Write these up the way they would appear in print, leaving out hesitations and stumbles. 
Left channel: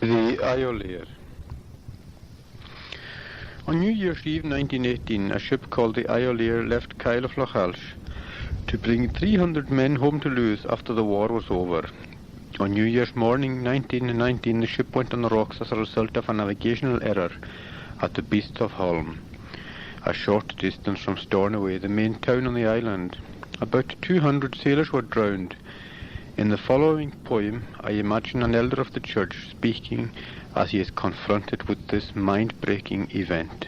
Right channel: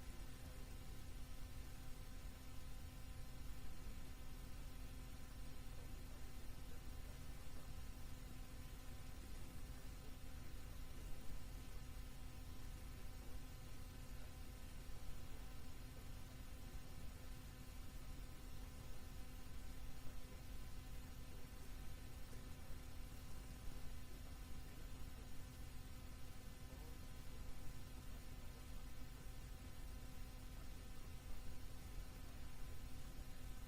The Iolaire. On New Year's Eve 1918, a ship called the Iolaire left Kyle of Lochalsh to bring 300 men home to Lewis after the war was over. On New Year's morning 1919, the ship went on the rocks as a result of a navigational error at the Beasts of Holm, a short distance from Stornoway, the main town on the island. About 200 sailors were drowned. In the following poem, I imagine an elder of the church speaking as he is confronted with this mind-breaking event.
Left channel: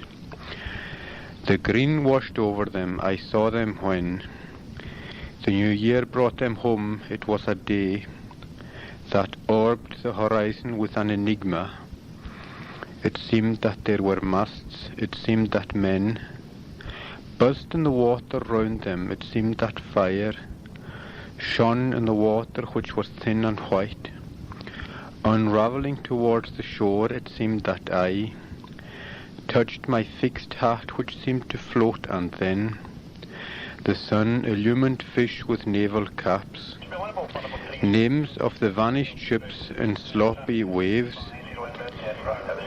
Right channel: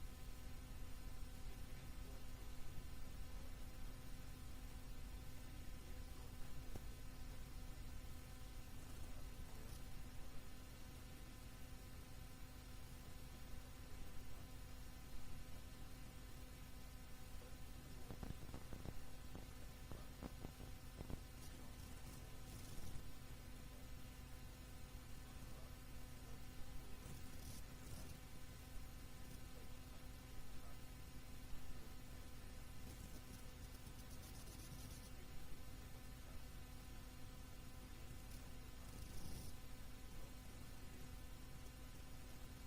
The green washed over them, I saw them when the new year brought them home. It was a day that orbed the horizon with an enigma. It seemed that there were masts, it seemed that men buzzed in the water round them, it seemed that fire shone in the water which was thin and white. Unravelling towards the shore, it seemed that I touched my fixed hat which seemed to float, and then the sun illumined fish with naval caps, names of the vanished ships in sloppy waves.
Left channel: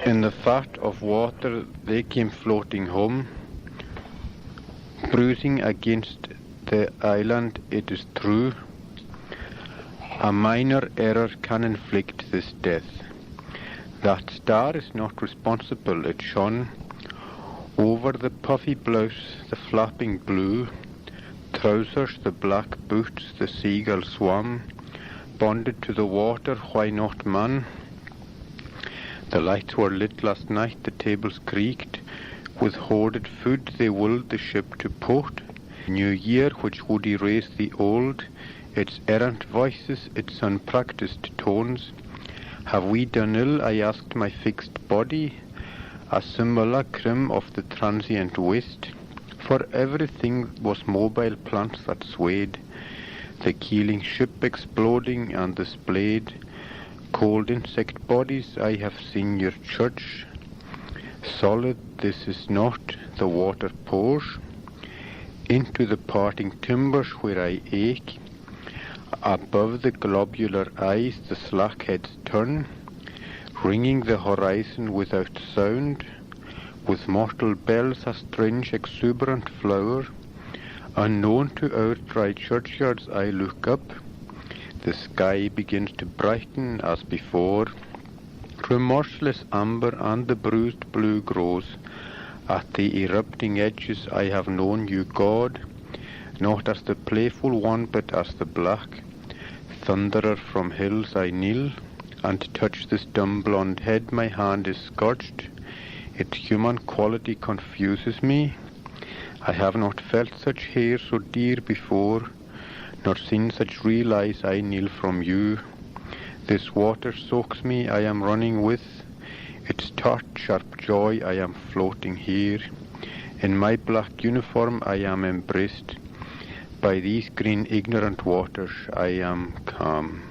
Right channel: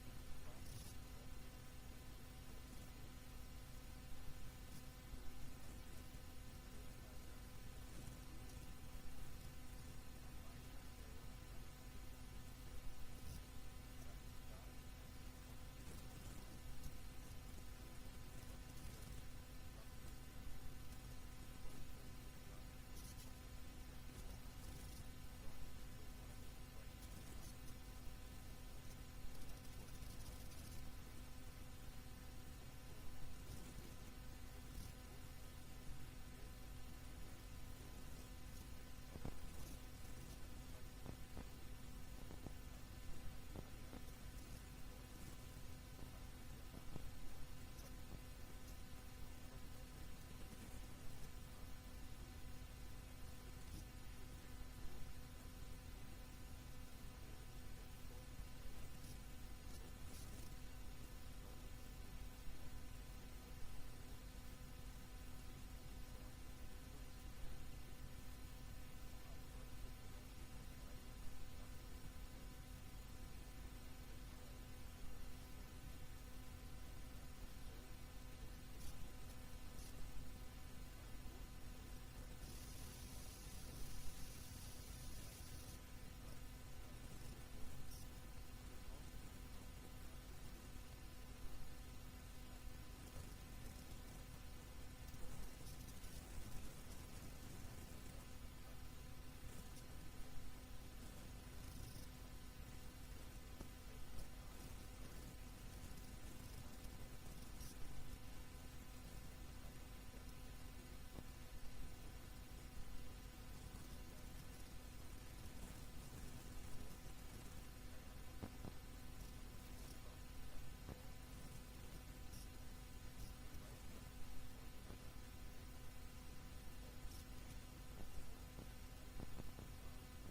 In the fat of water they came floating home, bruising against the island, it is true. A minor error can inflict this death. That star is not responsible, it shone over the puffy blouse, the flapping blue trousers, the black boots, the seagull swam, bonded to the water, why not man? The lights were lit last night, the tables creaked, with hoarded food they willed the ship to port. New year which would erase the old, its errant voices, its unpracticed tones. Have we done ill, I asked my fixed body, a simulacrum of the transient waste? For everything was mobile plants that swayed, the keeling ship exploding and the splayed cold insect bodies. I have seen your church, solid this is not, the water pours into the parting timbers where I ache. Above the globular eyes the slack heads turn, ringing the horizon without sound, with mortal bells a strange exuberant flower. Unknown to our dry churchyards I look up, the sky begins to brighten as before. Remorseless amber and the bruised blue grows. At the erupting edges I have known you, God, not as the playful one but as the black thunderer from hills. I kneel and touch this dumb blonde head, my hand is scorched. Its human quality confuses me. I have not felt such hair so dear before, nor seen such real eyes. I kneel from you. This water soaks me, I am running with its tart sharp joy. I am floating here. In my black uniform I am embraced by these green ignorant waters. I am calm.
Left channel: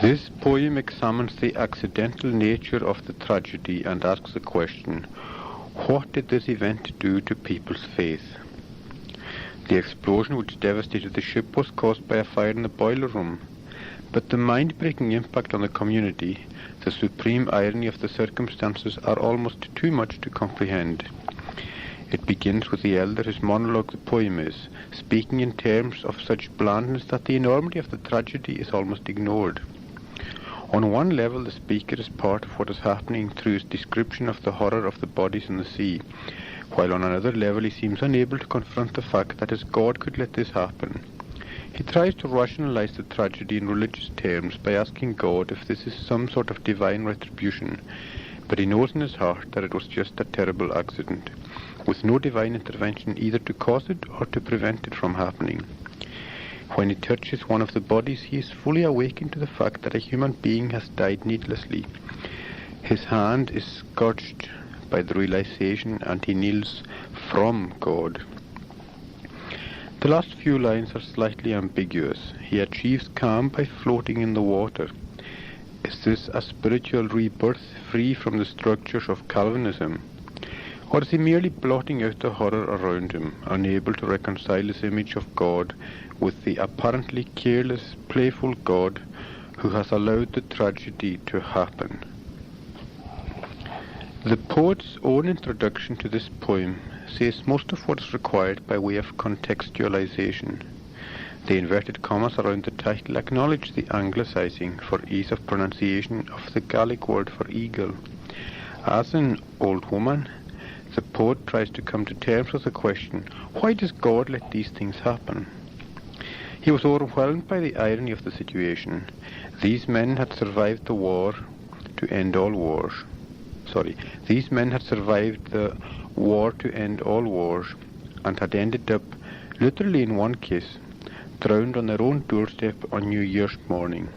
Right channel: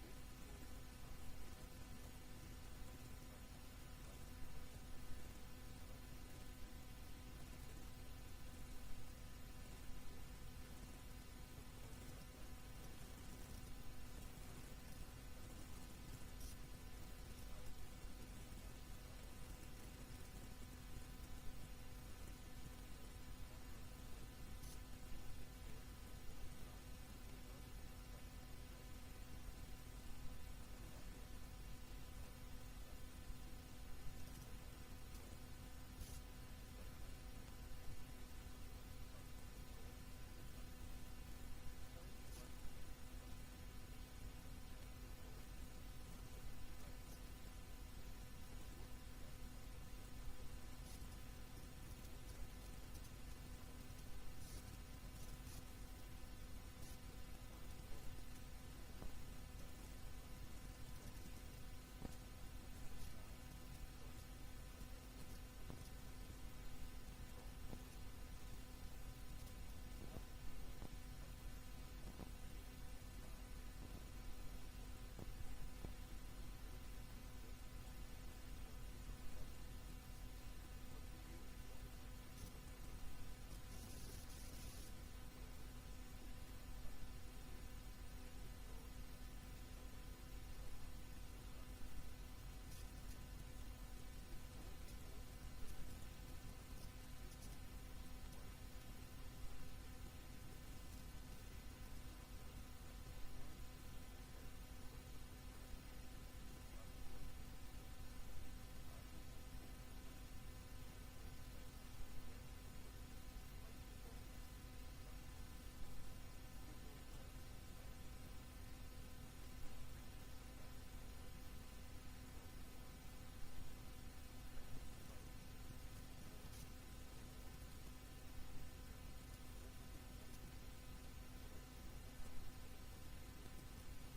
This poem examines the accidental nature of the tragedy and asks the question, what did this event do to people's faith? The explosion which devastated the ship was caused by a fire in the boiler room, but the mind-breaking impact on the community, the supreme irony of the circumstances, are almost too much to comprehend. It begins with the elder, whose monologue the poem is, speaking in terms of such blandness that the enormity of the tragedy is almost ignored. On one level, the speaker is part of what is happening through his description of the horror of the bodies in the sea, while on another level he seems unable to confront the fact that his God could let this happen. He tries to rationalize the tragedy in religious terms by asking God if this is some sort of divine retribution, but he knows in his heart that it was just a terrible accident, with no divine intervention either to cause it or to prevent it from happening. When he touches one of the bodies, he is fully awakened to the fact that a human being has died needlessly. His hand is scorched by the realization, and he kneels from God. The last few lines are slightly ambiguous. He achieves calm by floating in the water. Is this a spiritual rebirth free from the structures of Calvinism? Or is he merely blotting out the horror around him, unable to reconcile his image of God with the apparently careless, playful God who has allowed the tragedy to happen? The poet's own introduction to this poem says most of what is required by way of contextualization. The inverted commas around the title acknowledge the anglicizing for ease of pronunciation of the Gaelic word for eagle. As in Old Woman, the poet tries to come to terms with the question, why does God let these things happen? He was overwhelmed by the irony of the situation. These men had survived the war to end all wars. These men had survived the war to end all wars and had ended up, literally in one case, drowned on their own doorstep on New Year's morning.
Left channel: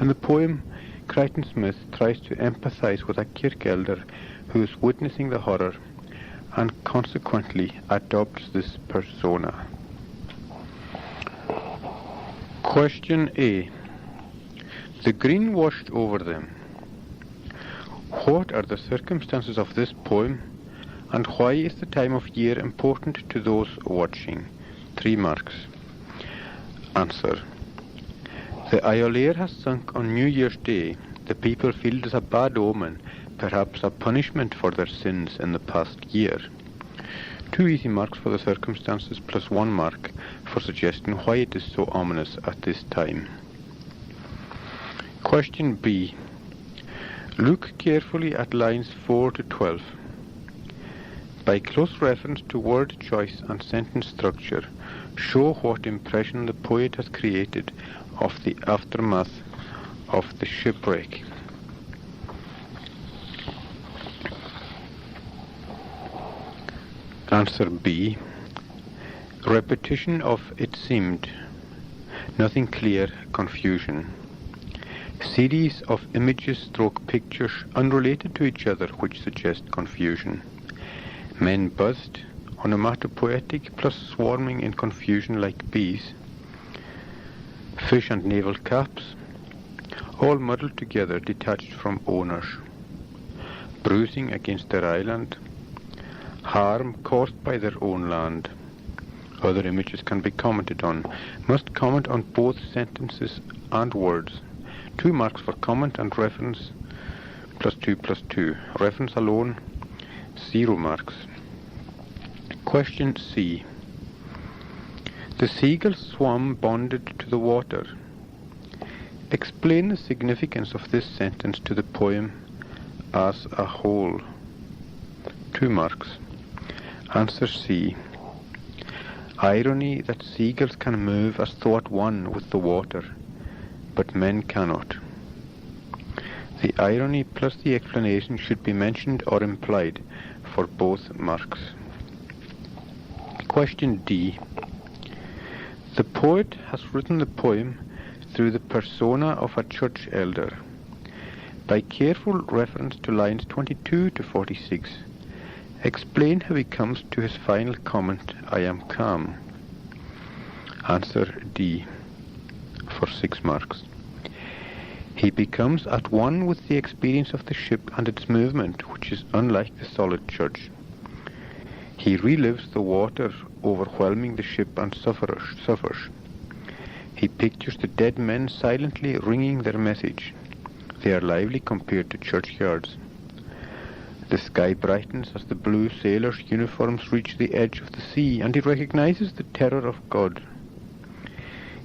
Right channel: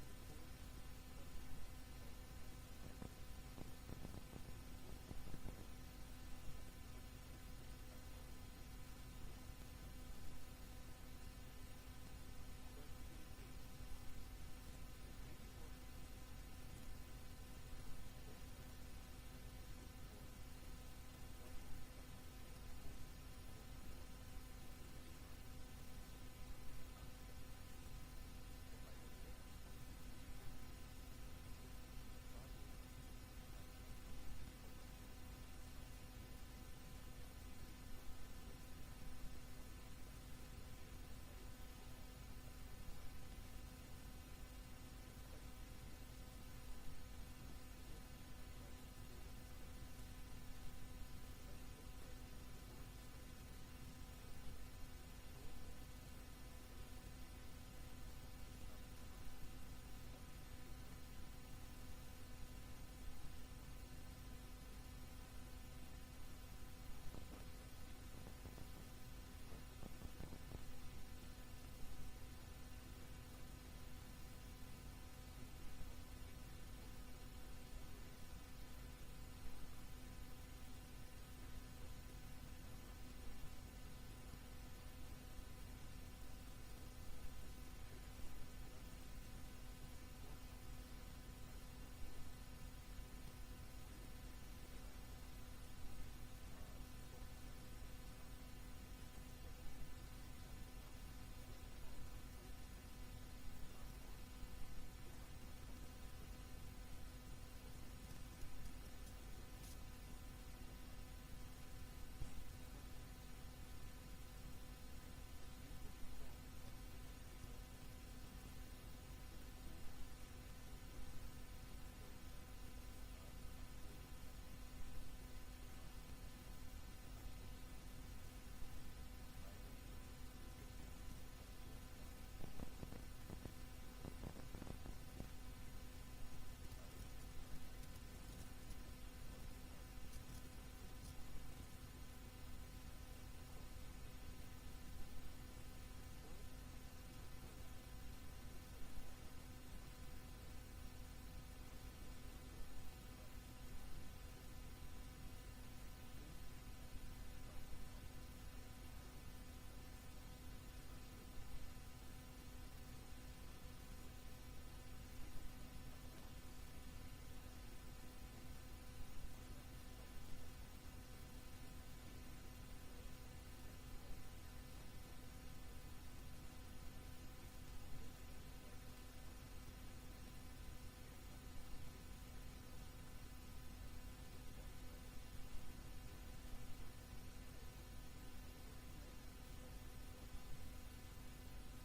In the poem, Crichton Smith tries to empathise with a kirk elder who is witnessing the horror and consequently adopts this persona. Question A. The green washed over them. What are the circumstances of this poem, and why is the time of year important to those watching? 3 marks. Answer. The Iolaire has sunk on New Year's Day. The people feel it is a bad omen, perhaps a punishment for their sins in the past year. 2 easy marks for the circumstances plus 1 mark for suggesting why it is so ominous at this time. Question B. Look carefully at lines 4 to 12. By close reference to word choice and sentence structure, show what impression the poet has created of the aftermath of the shipwreck. Answer B. Repetition of it seemed, nothing clear, confusion. Series of images / pictures unrelated to each other which suggest confusion. Men buzzed, onomatopoetic plus swarming in confusion like bees. Fish and naval caps, all muddled together, detached from owners. Bruising against their island. Harm caused by their own land. Other images can be commented on. Must comment on both sentences and words. 2 marks for comment and reference, plus 2 plus 2. Reference alone, 0 marks. Question C. The seagulls swam bonded to the water. Explain the significance of this sentence to the poem as a whole. 2 marks. Answer C. Irony that seagulls can move as though at one with the water, but men cannot. The irony plus the explanation should be mentioned or implied for both marks. Question D. The poet has written the poem through the persona of a church elder. By careful reference to lines 22 to 46, explain how he comes to his final comment, I am calm. Answer D. For 6 marks. He becomes at one with the experience of the ship and its movement, which is unlike the solid church. He relives the water overwhelming the ship and suffers. He pictures the dead men silently ringing their message. They are lively compared to churchyards. The sky brightens as the blue sailors' uniforms reach the edge of the sea, and he recognizes the terror of God.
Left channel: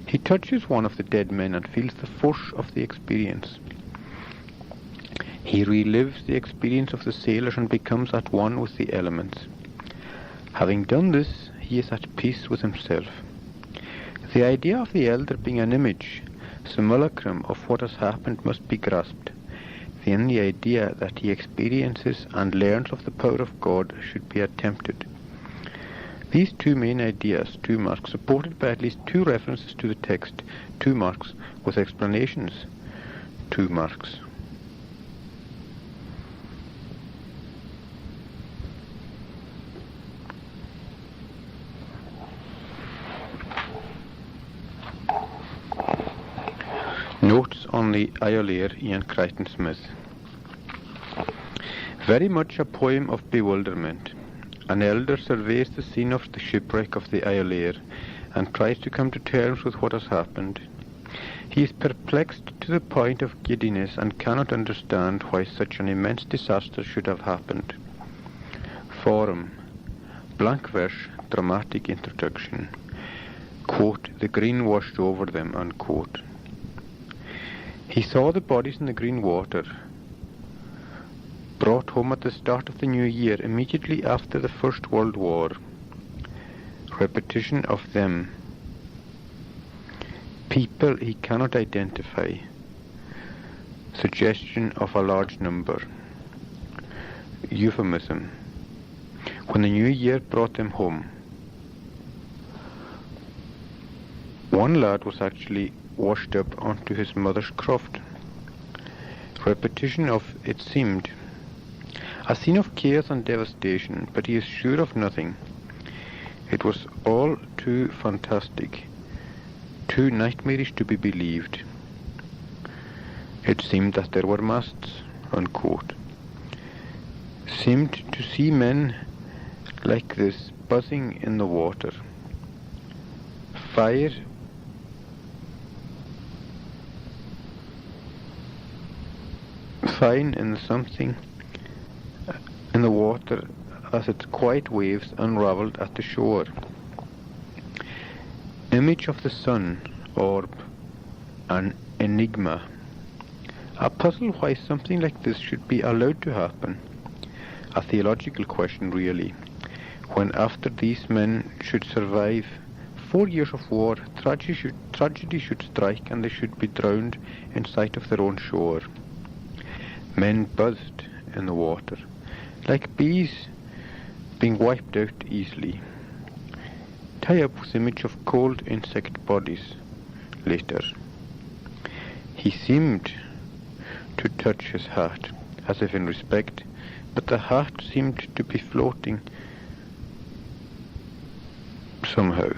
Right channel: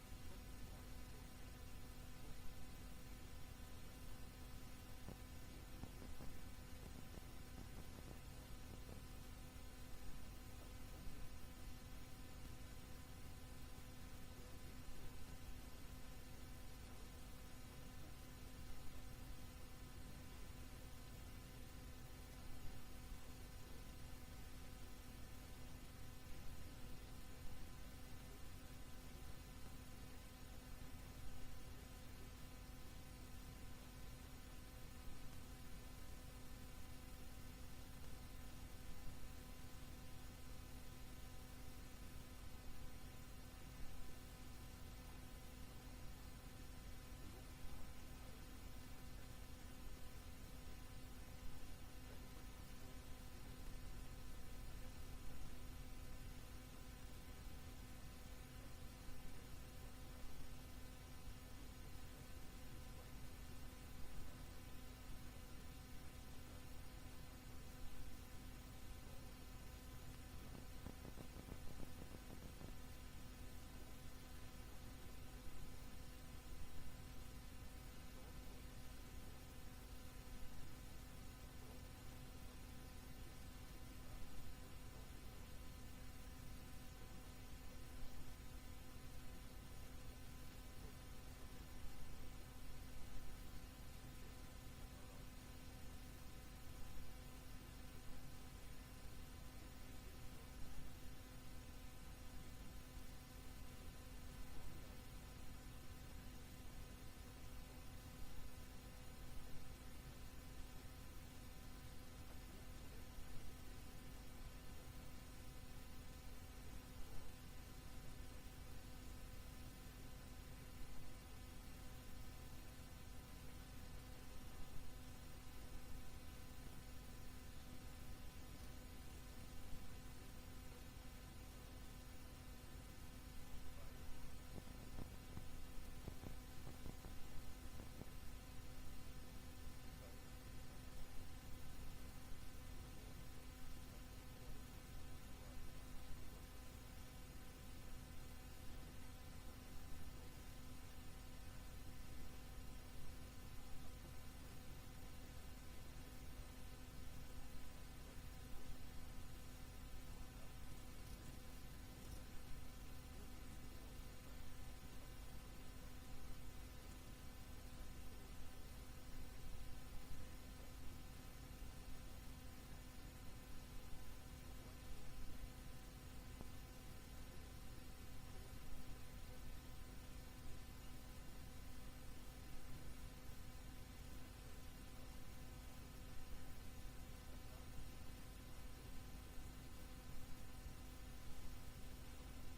He touches one of the dead men and feels the force of the experience. He relives the experience of the sailors and becomes at one with the elements. Having done this, he is at peace with himself. The idea of the elder being an image, simulacrum of what has happened must be grasped. Then the idea that he experiences and learns of the power of God should be attempted. These 2 main ideas, 2 marks, supported by at least 2 references to the text, 2 marks, with explanations, 2 marks. Notes on the Iolaire, Ian Crichton Smith. Very much a poem of bewilderment. An elder surveys the scene of the shipwreck of the Iolaire and tries to come to terms with what has happened. He is perplexed to the point of giddiness and cannot understand why such an immense disaster should have happened. Forum. Blank verse, dramatic introduction. Quote, the green washed over them, unquote. He saw the bodies in the green water, brought home at the start of the new year, immediately after the First World War. Repetition of them. People he cannot identify. Suggestion of a large number. Euphemism. When the new year brought them home. One lad was actually washed up onto his mother's croft. Repetition of it seemed. A scene of chaos and devastation, but he is sure of nothing. It was all too fantastic, too nightmarish to be believed. It seemed that there were masts, unquote. Seemed to see men like this buzzing in the water. Fire fine in something in the water as its quiet waves unravelled at the shore. Image of the sun, orb, an enigma. A puzzle why something like this should be allowed to happen. A theological question really, when after these men should survive 4 years of war, tragedy should strike and they should be drowned in sight of their own shore. Men buzzed in the water, like bees being wiped out easily. Tie up with image of cold insect bodies later. He seemed to touch his hat, as if in respect, but the hat seemed to be floating somehow.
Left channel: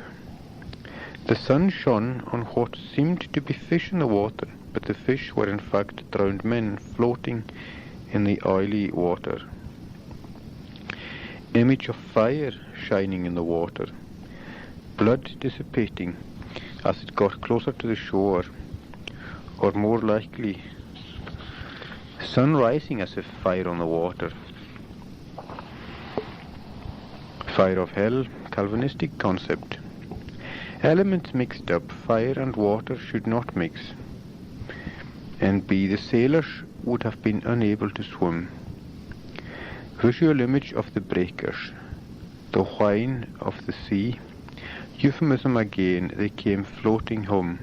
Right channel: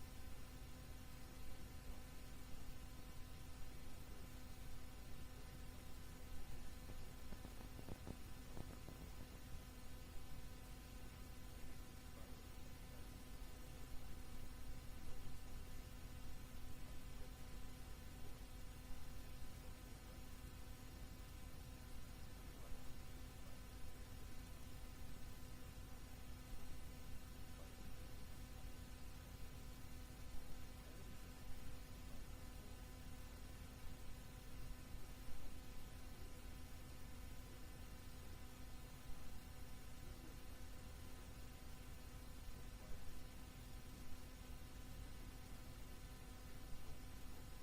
The sun shone on what seemed to be fish in the water, but the fish were in fact drowned men floating in the oily water. Image of fire shining in the water, blood dissipating as it got closer to the shore, or more likely, sun rising as if fire on the water. Fire of hell, Calvinistic concept. Elements mixed up, fire and water should not mix. And B, the sailors would have been unable to swim. Visual image of the breakers, the whine of the sea. Euphemism again, they came floating home.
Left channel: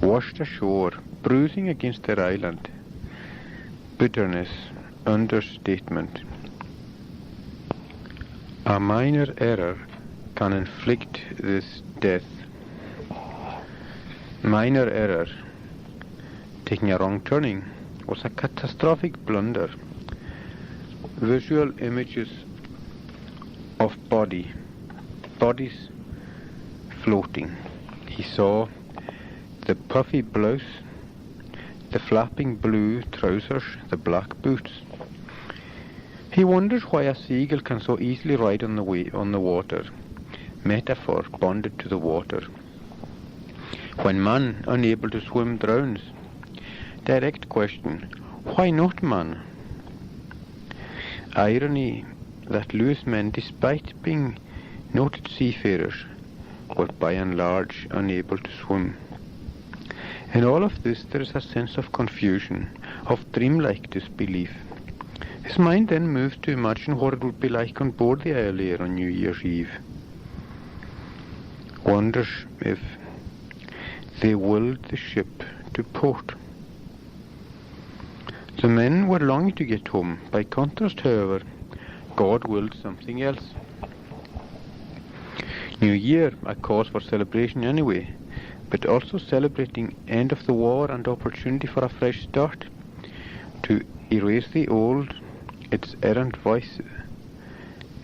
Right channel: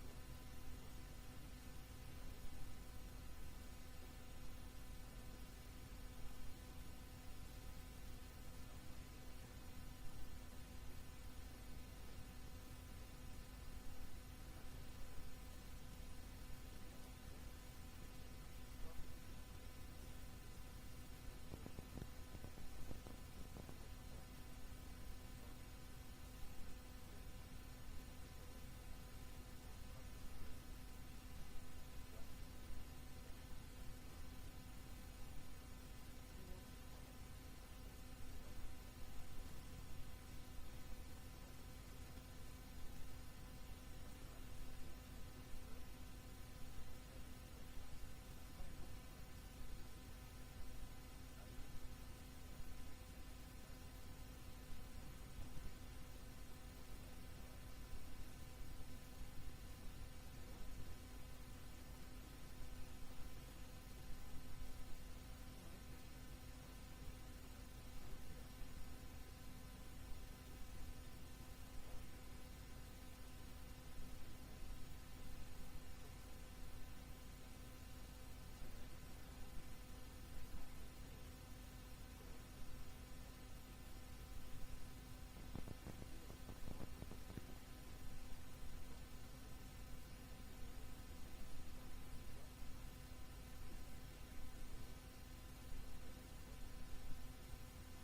Washed ashore, bruising against their island. Bitterness, understatement. A minor error can inflict this death. Minor error, taking a wrong turning, was a catastrophic blunder. Visual images of bodies floating. He saw the puffy blouse, the flapping blue trousers, the black boots. He wonders why a seagull can so easily ride on the water. Metaphor bonded to the water. When man, unable to swim, drowns. Direct question, why not man? Irony that Lewis men, despite being noted seafarers, were by and large unable to swim. In all of this there is a sense of confusion, of dreamlike disbelief. His mind then moves to imagine what it would be like on board the Iolaire on New Year's Eve. Wonders if they willed the ship to port. The men were longing to get home. By contrast, however, God willed something else. New Year, a cause for celebration anyway, but also celebrating end of the war and opportunity for a fresh start, to erase the old, its errant voice,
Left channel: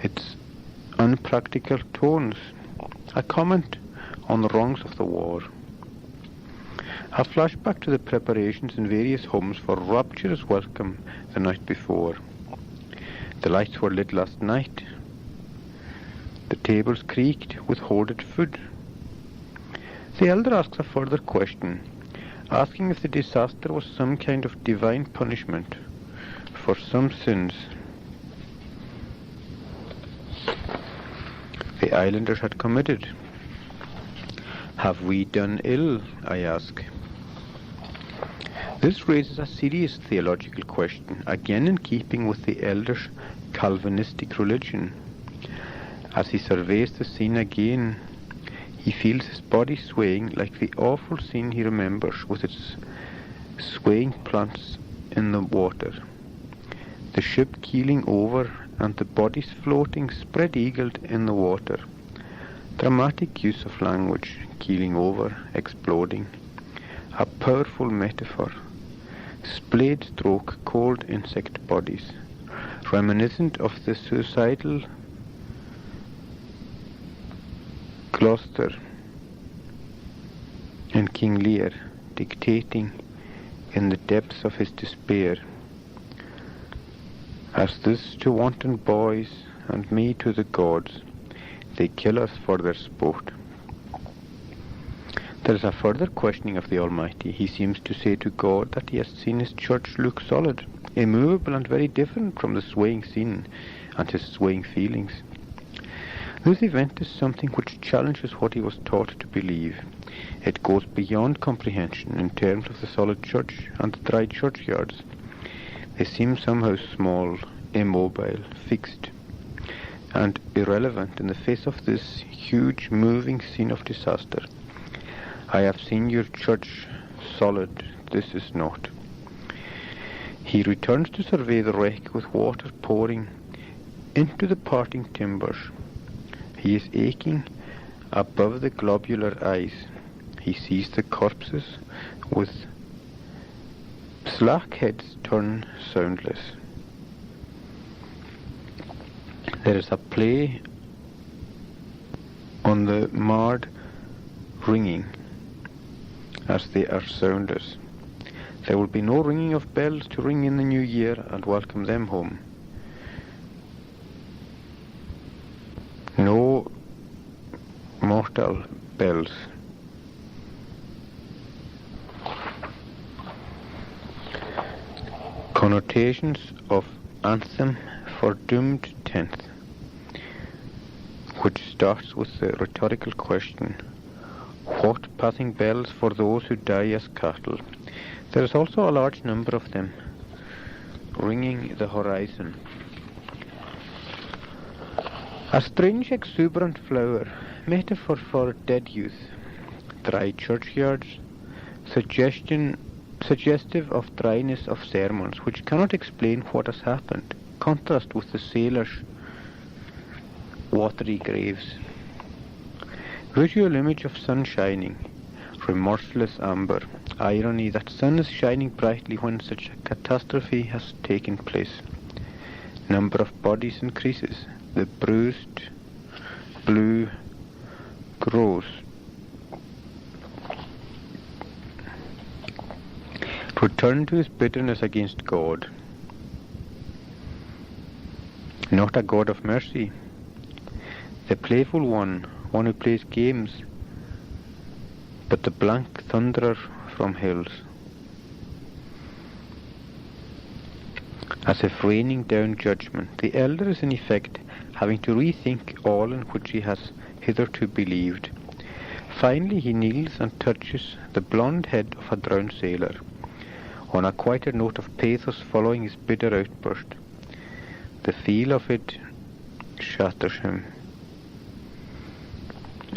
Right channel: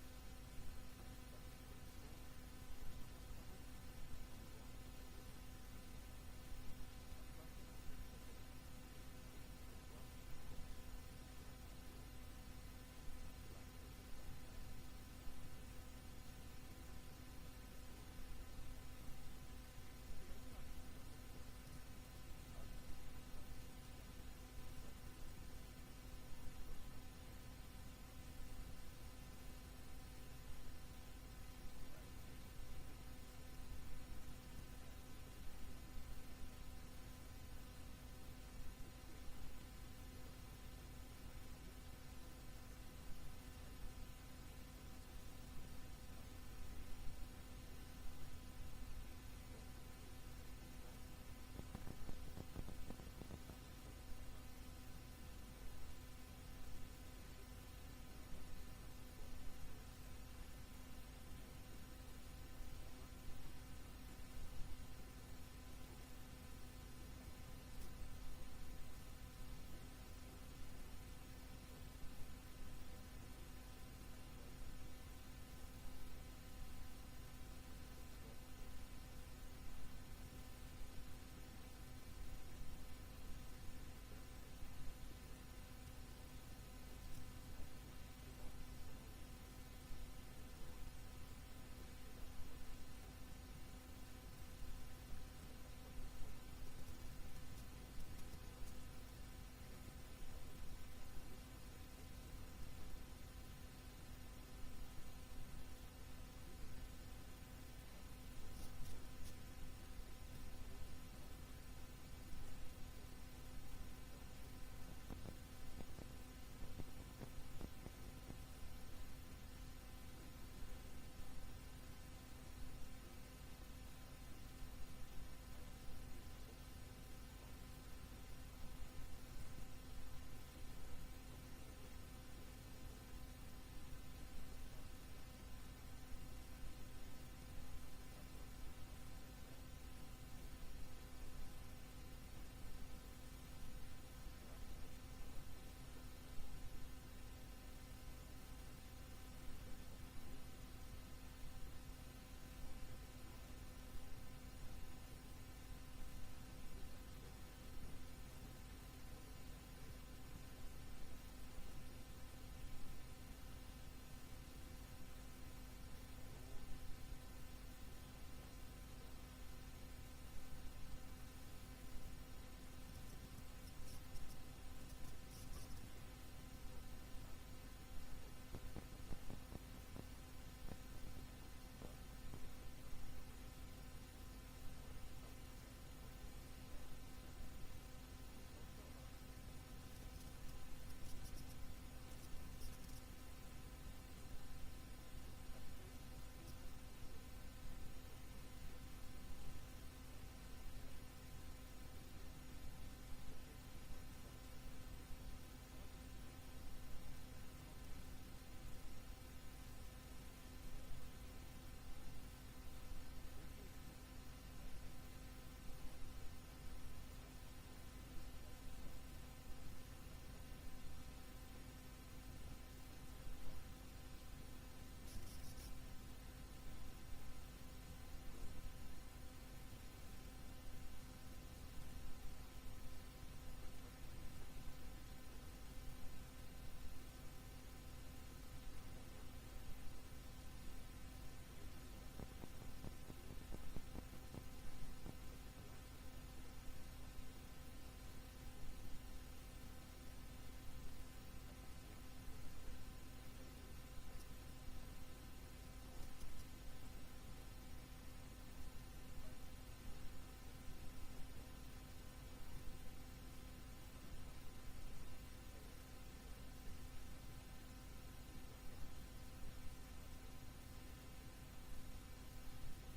its unpractical tones, a comment on the wrongs of the war. A flashback to the preparations in various homes for rapturous welcome the night before. The lights were lit last night. The tables creaked with hoarded food. The elder asks a further question, asking if the disaster was some kind of divine punishment for some sins the islanders had committed. Have we done ill, I ask. This raises a serious theological question, again in keeping with the elder's Calvinistic religion. As he surveys the scene again, he feels his body swaying like the awful scene he remembers with its swaying plants in the water, the ship keeling over and the bodies floating spread-eagled in the water. Dramatic use of language, keeling over, exploding. A powerful metaphor. Splayed stroke cold insect bodies, reminiscent of the suicidal Gloucester and King Lear, dictating in the depths of his despair, as this to wanton boys and me to the gods, they kill us for their sport. There is a further questioning of the Almighty. He seems to say to God that he has seen his church look solid, immovable and very different from the swaying scene and his swaying feelings. This event is something which challenges what he was taught to believe. It goes beyond comprehension in terms of the solid church and the dry churchyards. They seem somehow small, immobile, fixed, and irrelevant in the face of this huge moving scene of disaster. I have seen your church solid, this is not. He returns to survey the wreck with water pouring into the parting timbers. He is aching above the globular eyes. He sees the corpses with slack heads turn soundless. There is a play on the marred ringing as they are soundless. There will be no ringing of bells to ring in the new year and welcome them home. No mortal bells. Connotations of anthem for doomed tenth, which starts with the rhetorical question, what passing bells for those who die as cattle? There is also a large number of them, ringing the horizon. A strange exuberant flower, metaphor for dead youth, dry churchyards, suggestive of dryness of sermons, which cannot explain what has happened, contrast with the sailors' watery graves. Visual image of sun shining, remorseless amber, irony that sun is shining brightly when such a catastrophe has taken place. Number of bodies increases, the bruised blue grows. Return to his bitterness against God. Not a God of mercy. The playful one who plays games, but the blank thunderer from hills. As if raining down judgment, the elder is in effect having to rethink all in which he has hitherto believed. Finally he kneels and touches the blonde head of a drowned sailor, on a quieter note of pathos following his bitter outburst. The feel of it shatters him.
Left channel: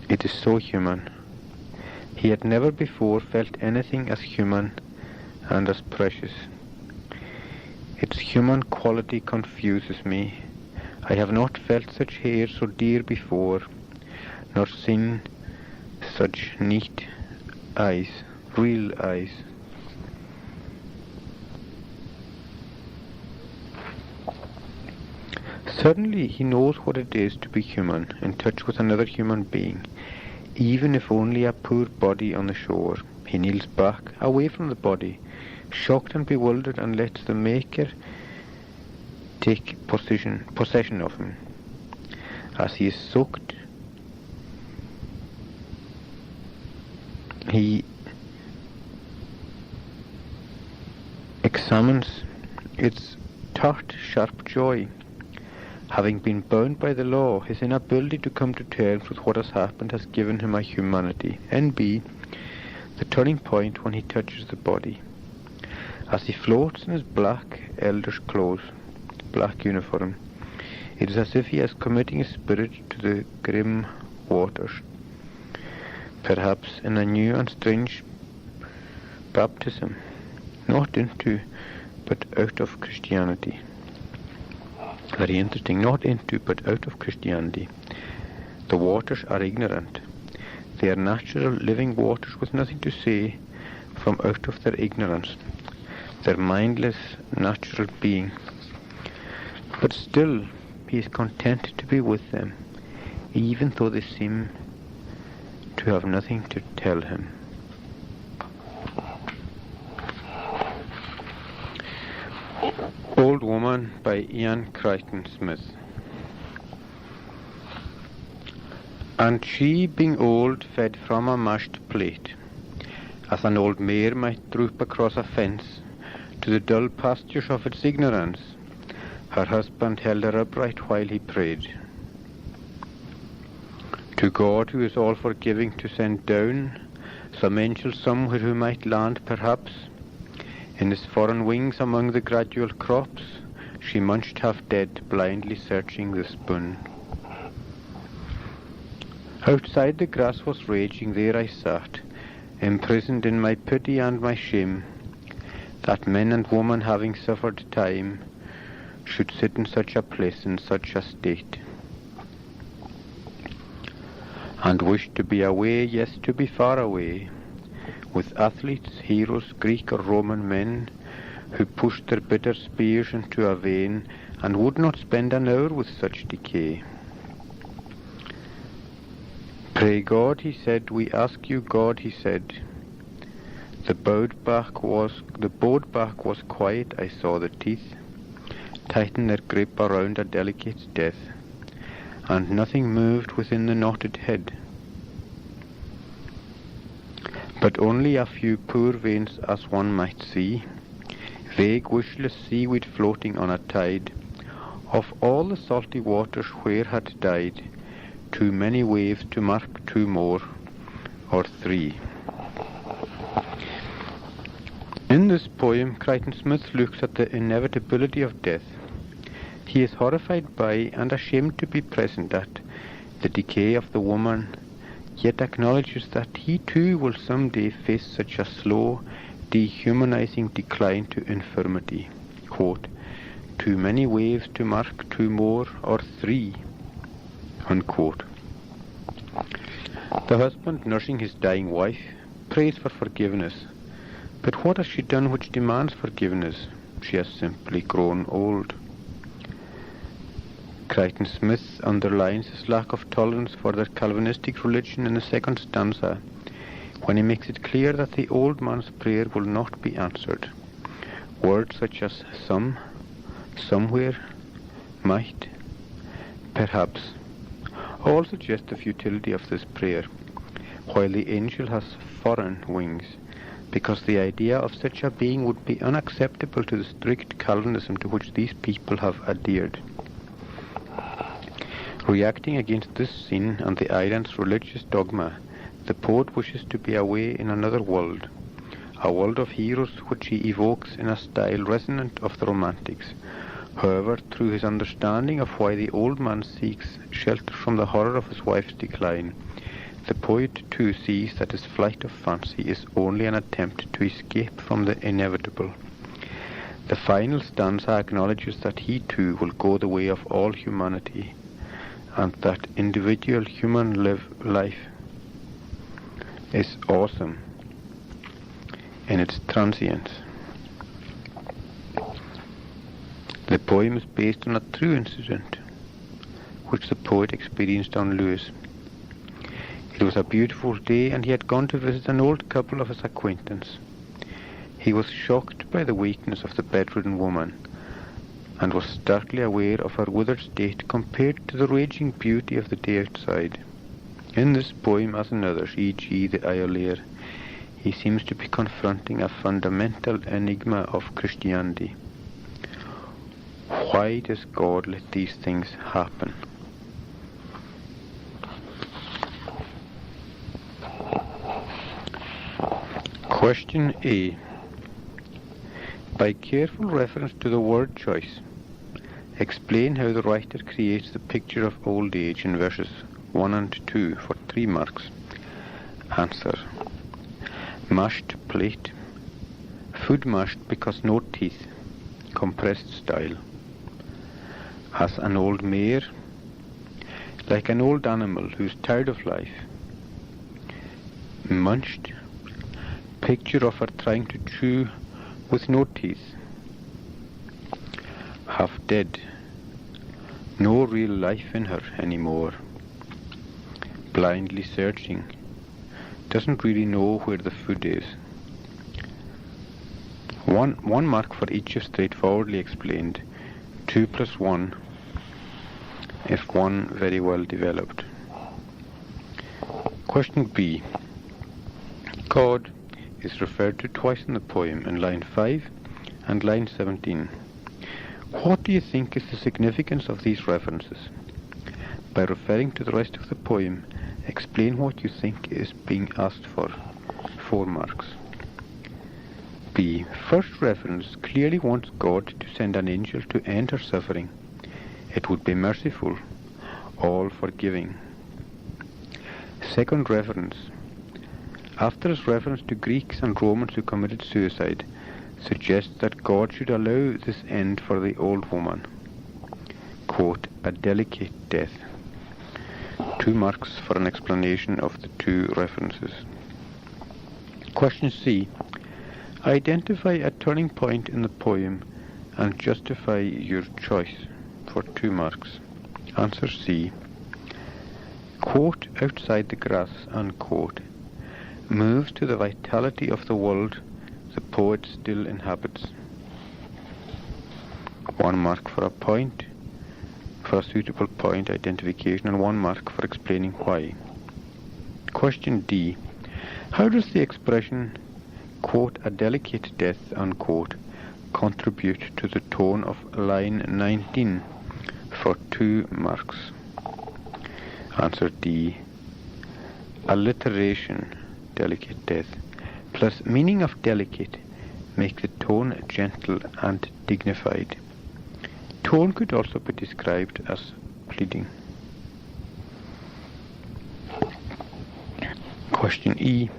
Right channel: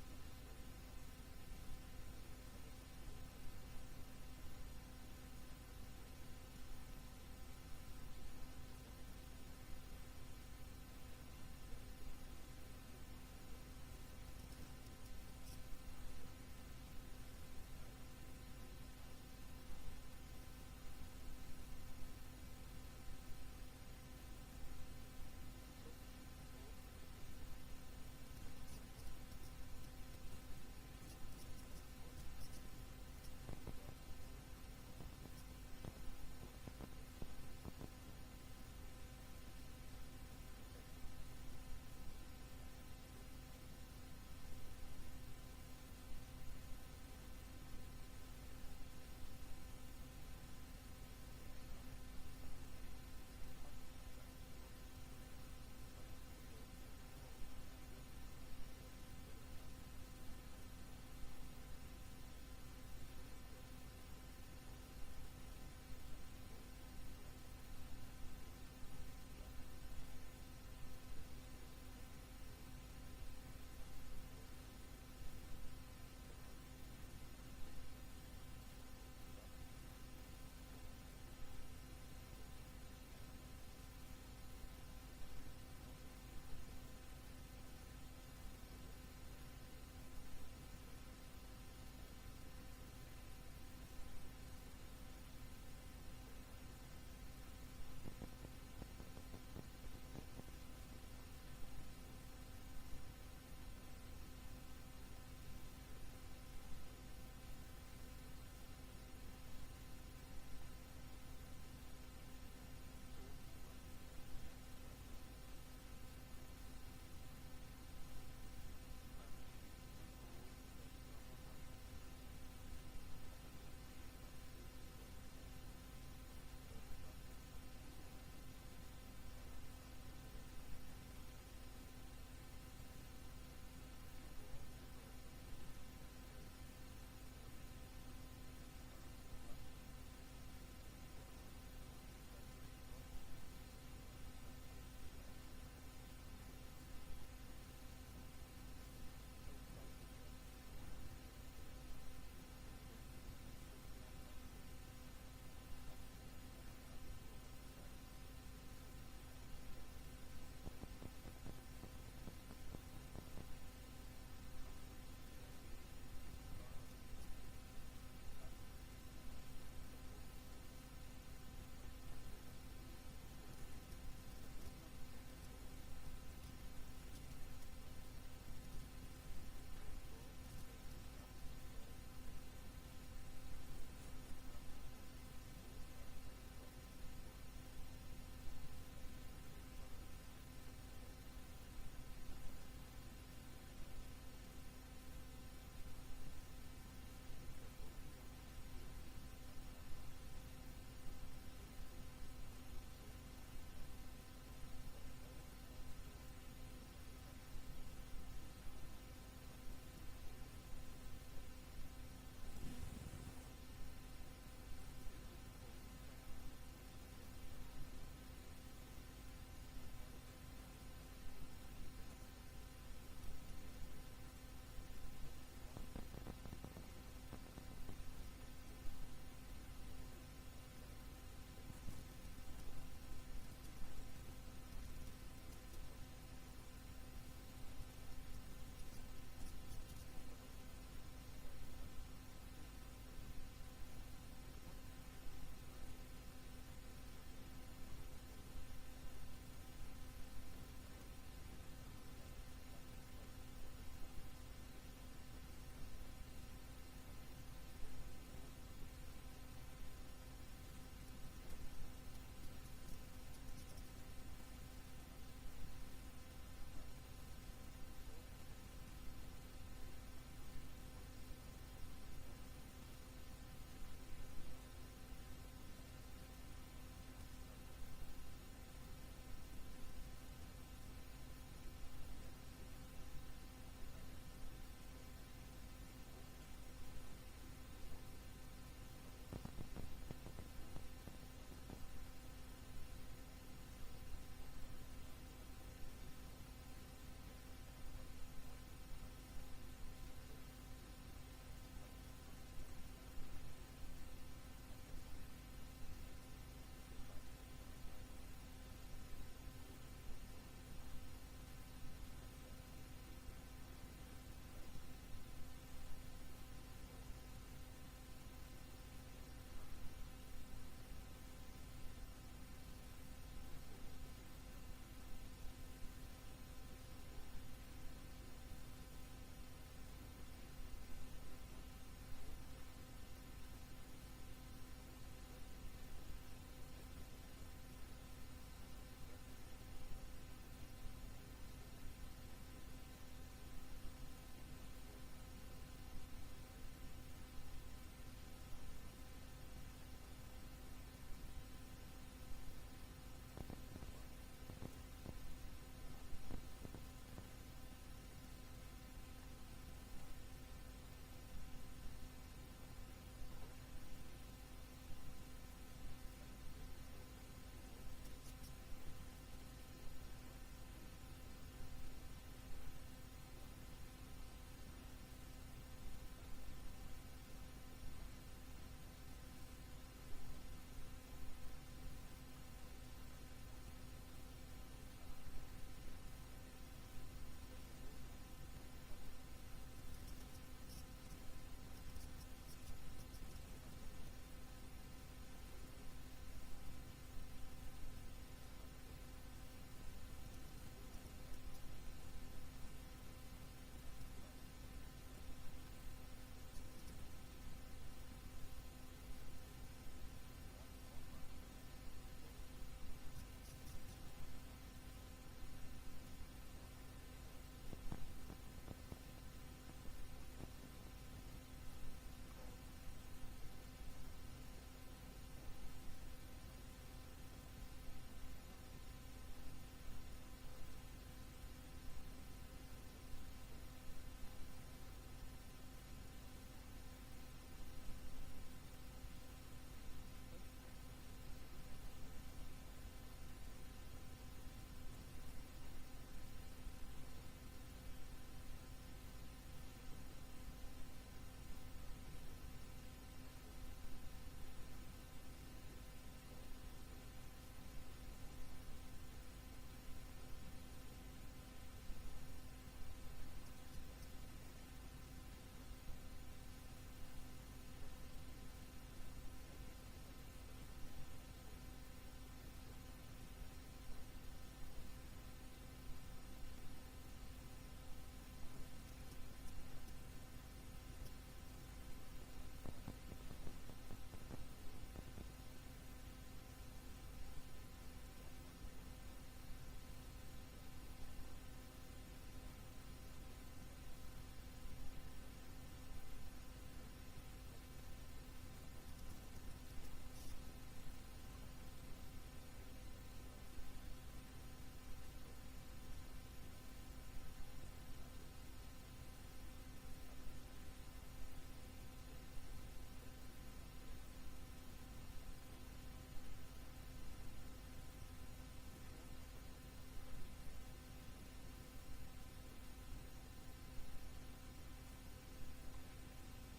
It is so human. He had never before felt anything as human and as precious. Its human quality confuses me. I have not felt such hair so dear before, nor seen such neat eyes, real eyes. Suddenly he knows what it is to be human, in touch with another human being, even if only a poor body on the shore. He kneels back, away from the body, shocked and bewildered, and lets the Maker take possession of him. As he is soaked, he examines its tart, sharp joy. Having been bound by the law, his inability to come to terms with what has happened has given him a humanity. N.B. The turning point when he touches the body. As he floats in his black elder's clothes, black uniform, it is as if he is committing his spirit to the grim waters, perhaps in a new and strange baptism, not into but out of Christianity. Very interesting, not into but out of Christianity. The waters are ignorant. They are natural living waters with nothing to say from out of their ignorance, their mindless natural being. But still he is content to be with them, even though they seem to have nothing to tell him. Old Woman by Ian Crichton Smith. And she, being old, fed from a mashed plate, as an old mare might droop across a fence to the dull pastures of its ignorance. Her husband held her upright while he prayed to God, who is all forgiving, to send down some angel somewhere who might land perhaps in his foreign wings among the gradual crops. She munched half dead, blindly searching the spoon. Outside the grass was raging, there I sat, imprisoned in my pity and my shame, that men and women, having suffered time, should sit in such a place, in such a state, and wished to be away, yes, to be far away, with athletes, heroes, Greek or Roman men, who pushed their bitter spears into a vein, and would not spend an hour with such decay. Pray God, he said, we ask you, God, he said. The bowed back was quiet, I saw the teeth tighten their grip around a delicate death, and nothing moved within the knotted head, but only a few poor veins, as one might see, vague wishless seaweed floating on a tide, of all the salty waters where had died too many waves to mark two more or three. In this poem, Crichton Smith looks at the inevitability of death. He is horrified by and ashamed to be present at the decay of the woman, yet acknowledges that he too will some day face such a slow, dehumanizing decline to infirmity. Quote, too many waves to mark two more or three. Unquote. The husband, nursing his dying wife, prays for forgiveness. But what has she done which demands forgiveness? She has simply grown old. Crichton Smith underlines his lack of tolerance for their Calvinistic religion in the second stanza, when he makes it clear that the old man's prayer will not be answered. Words such as some, somewhere, might, perhaps, all suggest the futility of this prayer, while the angel has foreign wings, because the idea of such a being would be unacceptable to the strict Calvinism to which these people have adhered. Reacting against this sin and the island's religious dogma, the poet wishes to be away in another world, a world of heroes which he evokes in a style resonant of the Romantics. However, through his understanding of why the old man seeks shelter from the horror of his wife's decline, the poet too sees that his flight of fancy is only an attempt to escape from the inevitable. The final stanza acknowledges that he too will go the way of all humanity, and that individual human life is awesome in its transience. The poem is based on a true incident which the poet experienced on Lewis. It was a beautiful day, and he had gone to visit an old couple of his acquaintance. He was shocked by the weakness of the bedridden woman, and was starkly aware of her withered state compared to the raging beauty of the day outside. In this poem, as in others, e.g. the Iolaire, he seems to be confronting a fundamental enigma of Christianity. Why does God let these things happen? Question A. By careful reference to the word choice, explain how the writer creates the picture of old age in verses 1 and 2 for 3 marks. Answer. Mashed plate. Food mashed because no teeth. Compressed style. As an old mare. Like an old animal who's tired of life. Munched. Picture of her trying to chew with no teeth. Half dead. No real life in her anymore. Blindly searching. Doesn't really know where the food is. One mark for each is straightforwardly explained. 2 plus 1 if one very well developed. Question B. God is referred to twice in the poem, in line 5 and line 17. What do you think is the significance of these references? By referring to the rest of the poem, explain what you think is being asked for. 4 marks. B. First reference clearly wants God to send an angel to end her suffering. It would be merciful, all forgiving. Second reference. After his reference to Greeks and Romans who committed suicide, suggests that God should allow this end for the old woman. Quote, a delicate death. 2 marks for an explanation of the 2 references. Question C. Identify a turning point in the poem and justify your choice for 2 marks. Answer C. Quote, outside the grass, unquote, moves to the vitality of the world the poet still inhabits. 1 mark for a point, for a suitable point identification, and 1 mark for explaining why. Question D. How does the expression, quote, a delicate death, unquote, contribute to the tone of line 19 for 2 marks? Answer D. Alliteration, delicate death, plus meaning of delicate make the tone gentle and dignified. Tone could also be described as pleading. Question E.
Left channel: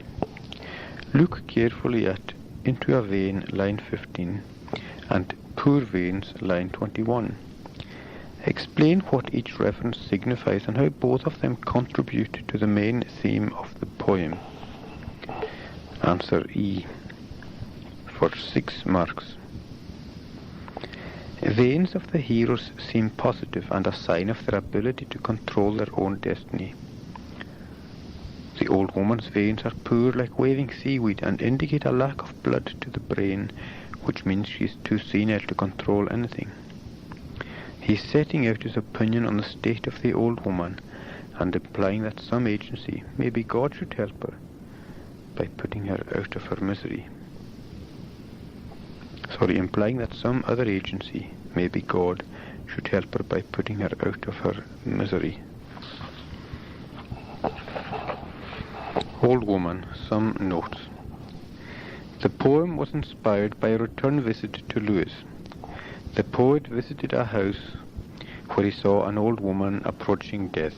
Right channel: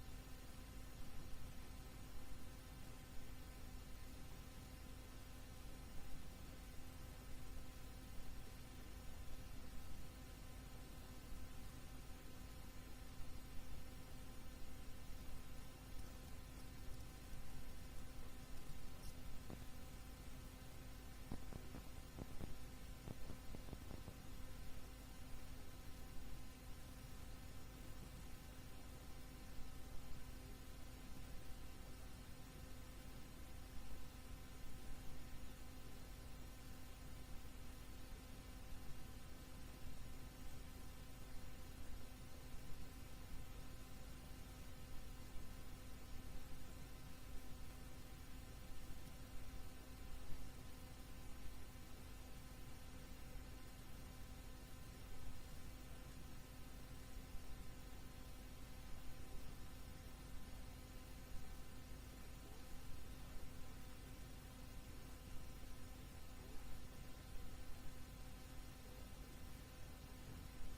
Look carefully at into a vein, line 15, and poor veins, line 21. Explain what each reference signifies and how both of them contribute to the main theme of the poem. Answer E. For 6 marks. Veins of the heroes seem positive and a sign of their ability to control their own destiny. The old woman's veins are poor like waving seaweed and indicate a lack of blood to the brain, which means she is too senile to control anything. He is setting out his opinion on the state of the old woman and implying that some agency, maybe God, should help her by putting her out of her misery. Implying that some other agency, maybe God, should help her by putting her out of her misery. Old woman, some notes. The poem was inspired by a return visit to Lewis. The poet visited a house where he saw an old woman approaching death.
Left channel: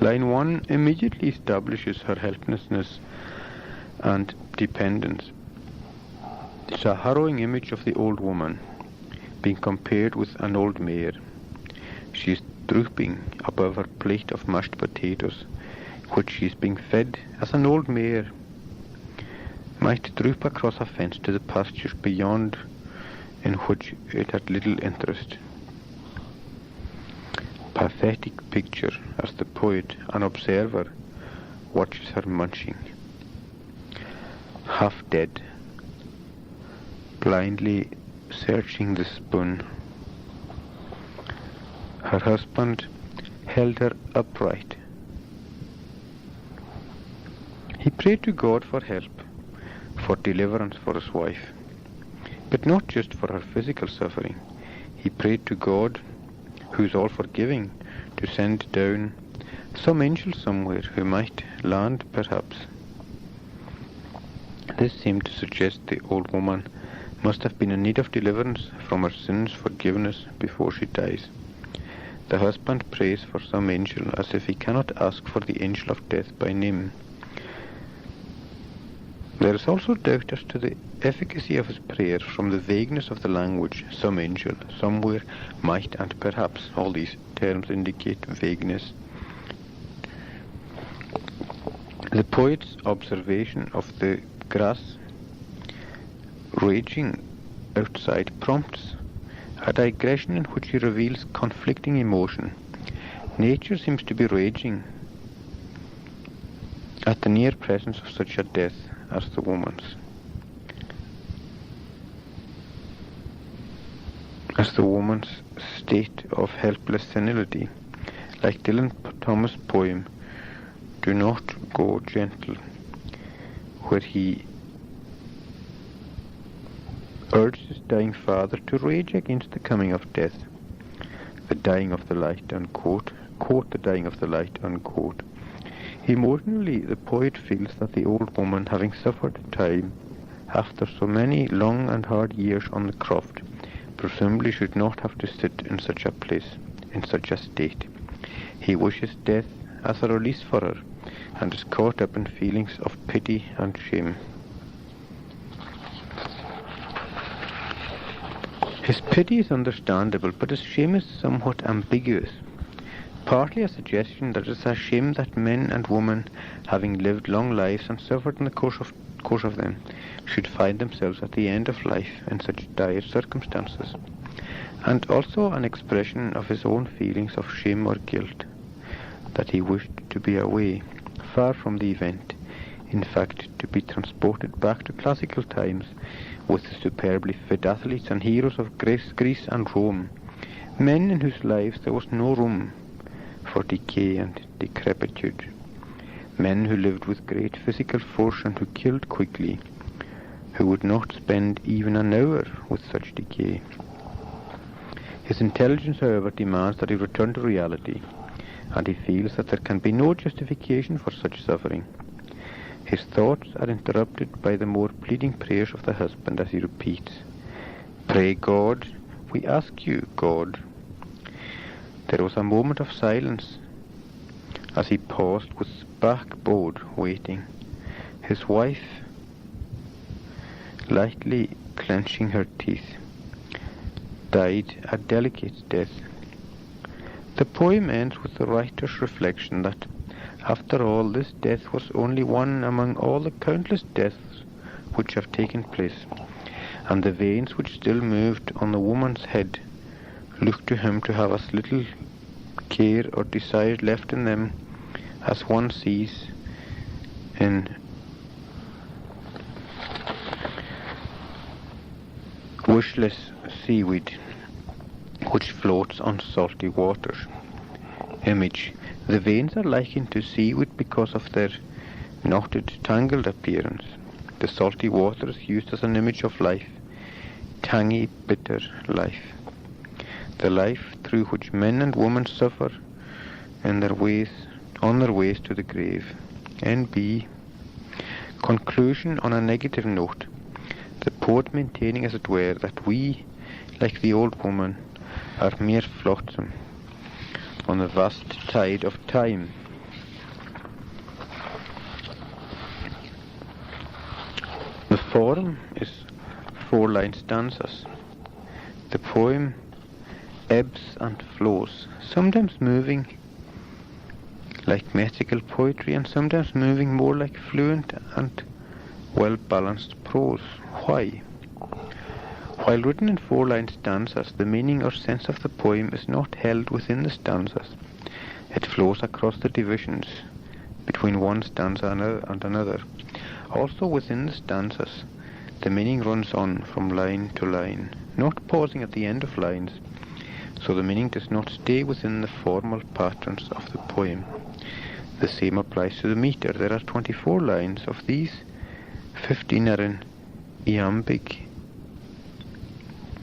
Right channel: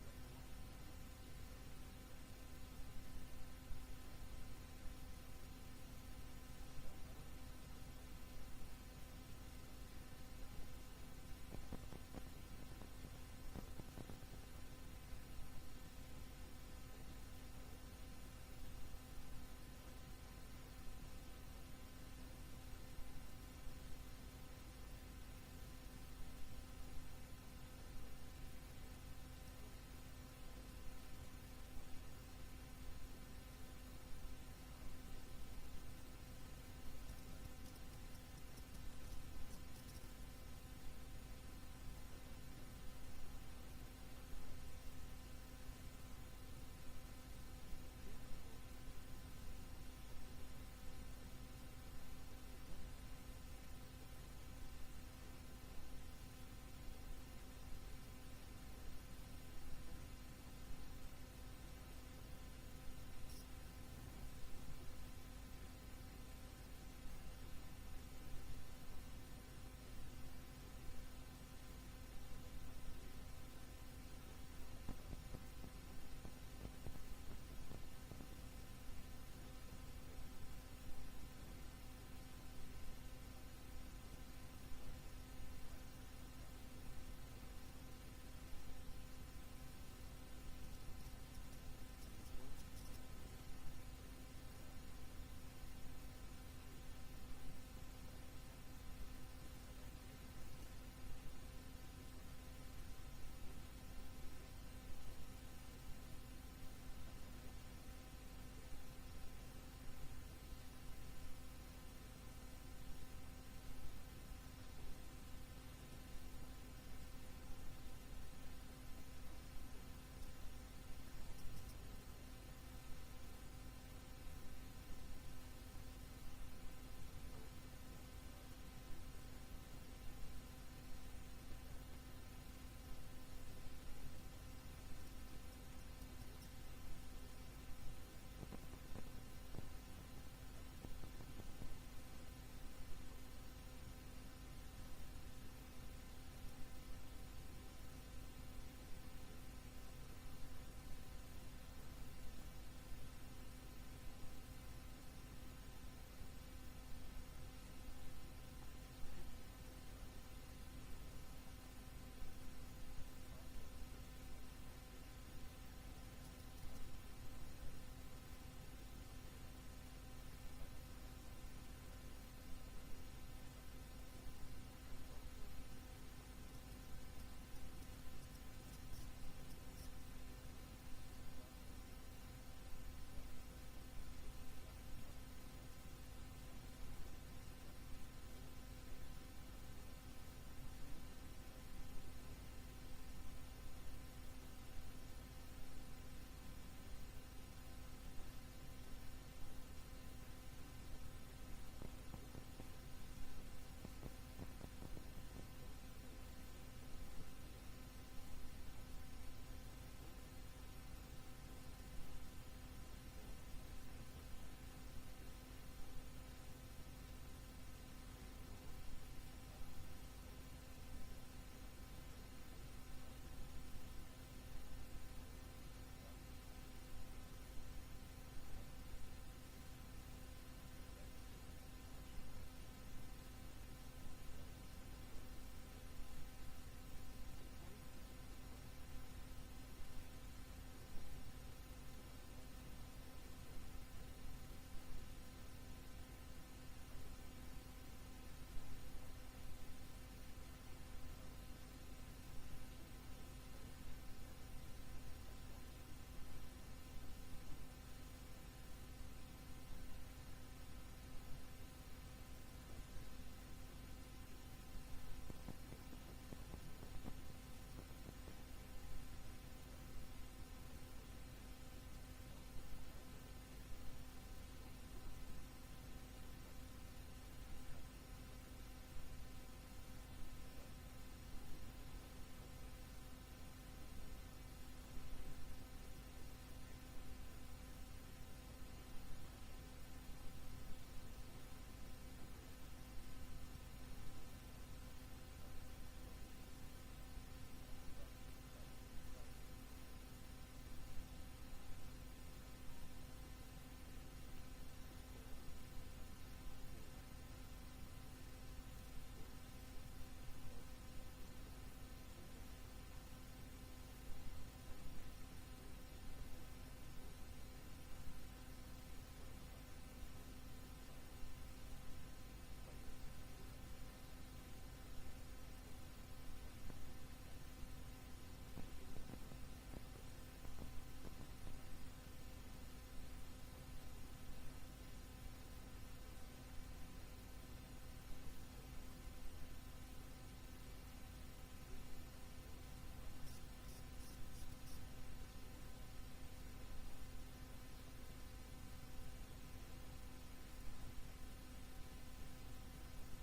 Line 1 immediately establishes her helplessness and dependence. It's a harrowing image of the old woman being compared with an old mare. She is drooping above her plate of mashed potatoes, which she is being fed as an old mare might droop across a fence to the pastures beyond, in which it had little interest. Pathetic picture as the poet, an observer, watches her munching. Half dead, blindly searching the spoon. Her husband held her upright. He prayed to God for help, for deliverance for his wife, but not just for her physical suffering. He prayed to God, who is all forgiving, to send down some angel somewhere who might land perhaps. This seemed to suggest the old woman must have been in need of deliverance from her sins, forgiveness before she dies. The husband prays for some angel as if he cannot ask for the angel of death by name. There is also doubt as to the efficacy of his prayer from the vagueness of the language. Some angel, somewhere, might, and perhaps. All these terms indicate vagueness. The poet's observation of the grass raging outside prompts a digression in which he reveals conflicting emotion. Nature seems to be raging at the near presence of such a death as the woman's. As the woman's state of helpless senility, like Dylan Thomas' poem, Do Not Go Gentle, where he urged his dying father to rage against the coming of death. The dying of the light, unquote. Quote, the dying of the light, unquote. Emotionally, the poet feels that the old woman, having suffered time after so many long and hard years on the croft, presumably should not have to sit in such a place, in such a state. He wishes death as a release for her, and is caught up in feelings of pity and shame. His pity is understandable, but his shame is somewhat ambiguous. Partly a suggestion that it's a shame that men and women, having lived long lives and suffered in the course of them, should find themselves at the end of life in such dire circumstances, and also an expression of his own feelings of shame or guilt, that he wished to be away, far from the event, in fact to be transported back to classical times with the superbly fit athletes and heroes of Greece and Rome, men in whose lives there was no room for decay and decrepitude, men who lived with great physical force and who killed quickly, who would not spend even an hour with such decay. His intelligence, however, demands that he return to reality, and he feels that there can be no justification for such suffering. His thoughts are interrupted by the more pleading prayers of the husband as he repeats, "Pray God, we ask you, God." There was a moment of silence as he paused with back bowed, waiting. His wife, lightly clenching her teeth, died a delicate death. The poem ends with the writer's reflection that, after all, this death was only one among all the countless deaths which have taken place, and the veins which still moved on the woman's head looked to him to have as little care or desire left in them as one sees in wishless seaweed which floats on salty waters. Image. The veins are likened to seaweed because of their knotted, tangled appearance. The salty water is used as an image of life, tangy, bitter life. The life through which men and women suffer on their ways to the grave. N.B. Conclusion on a negative note. The poet maintaining, as it were, that we, like the old woman, are mere flotsam on the vast tide of time. The form is 4-line stanzas. The poem ebbs and flows, sometimes moving like metrical poetry and sometimes moving more like fluent and well-balanced prose. Why? While written in 4-line stanzas, the meaning or sense of the poem is not held within the stanzas. It flows across the divisions between one stanza and another. Also within the stanzas, the meaning runs on from line to line, not pausing at the end of lines, so the meaning does not stay within the formal patterns of the poem. The same applies to the meter. There are 24 lines. Of these, 15 are in iambic,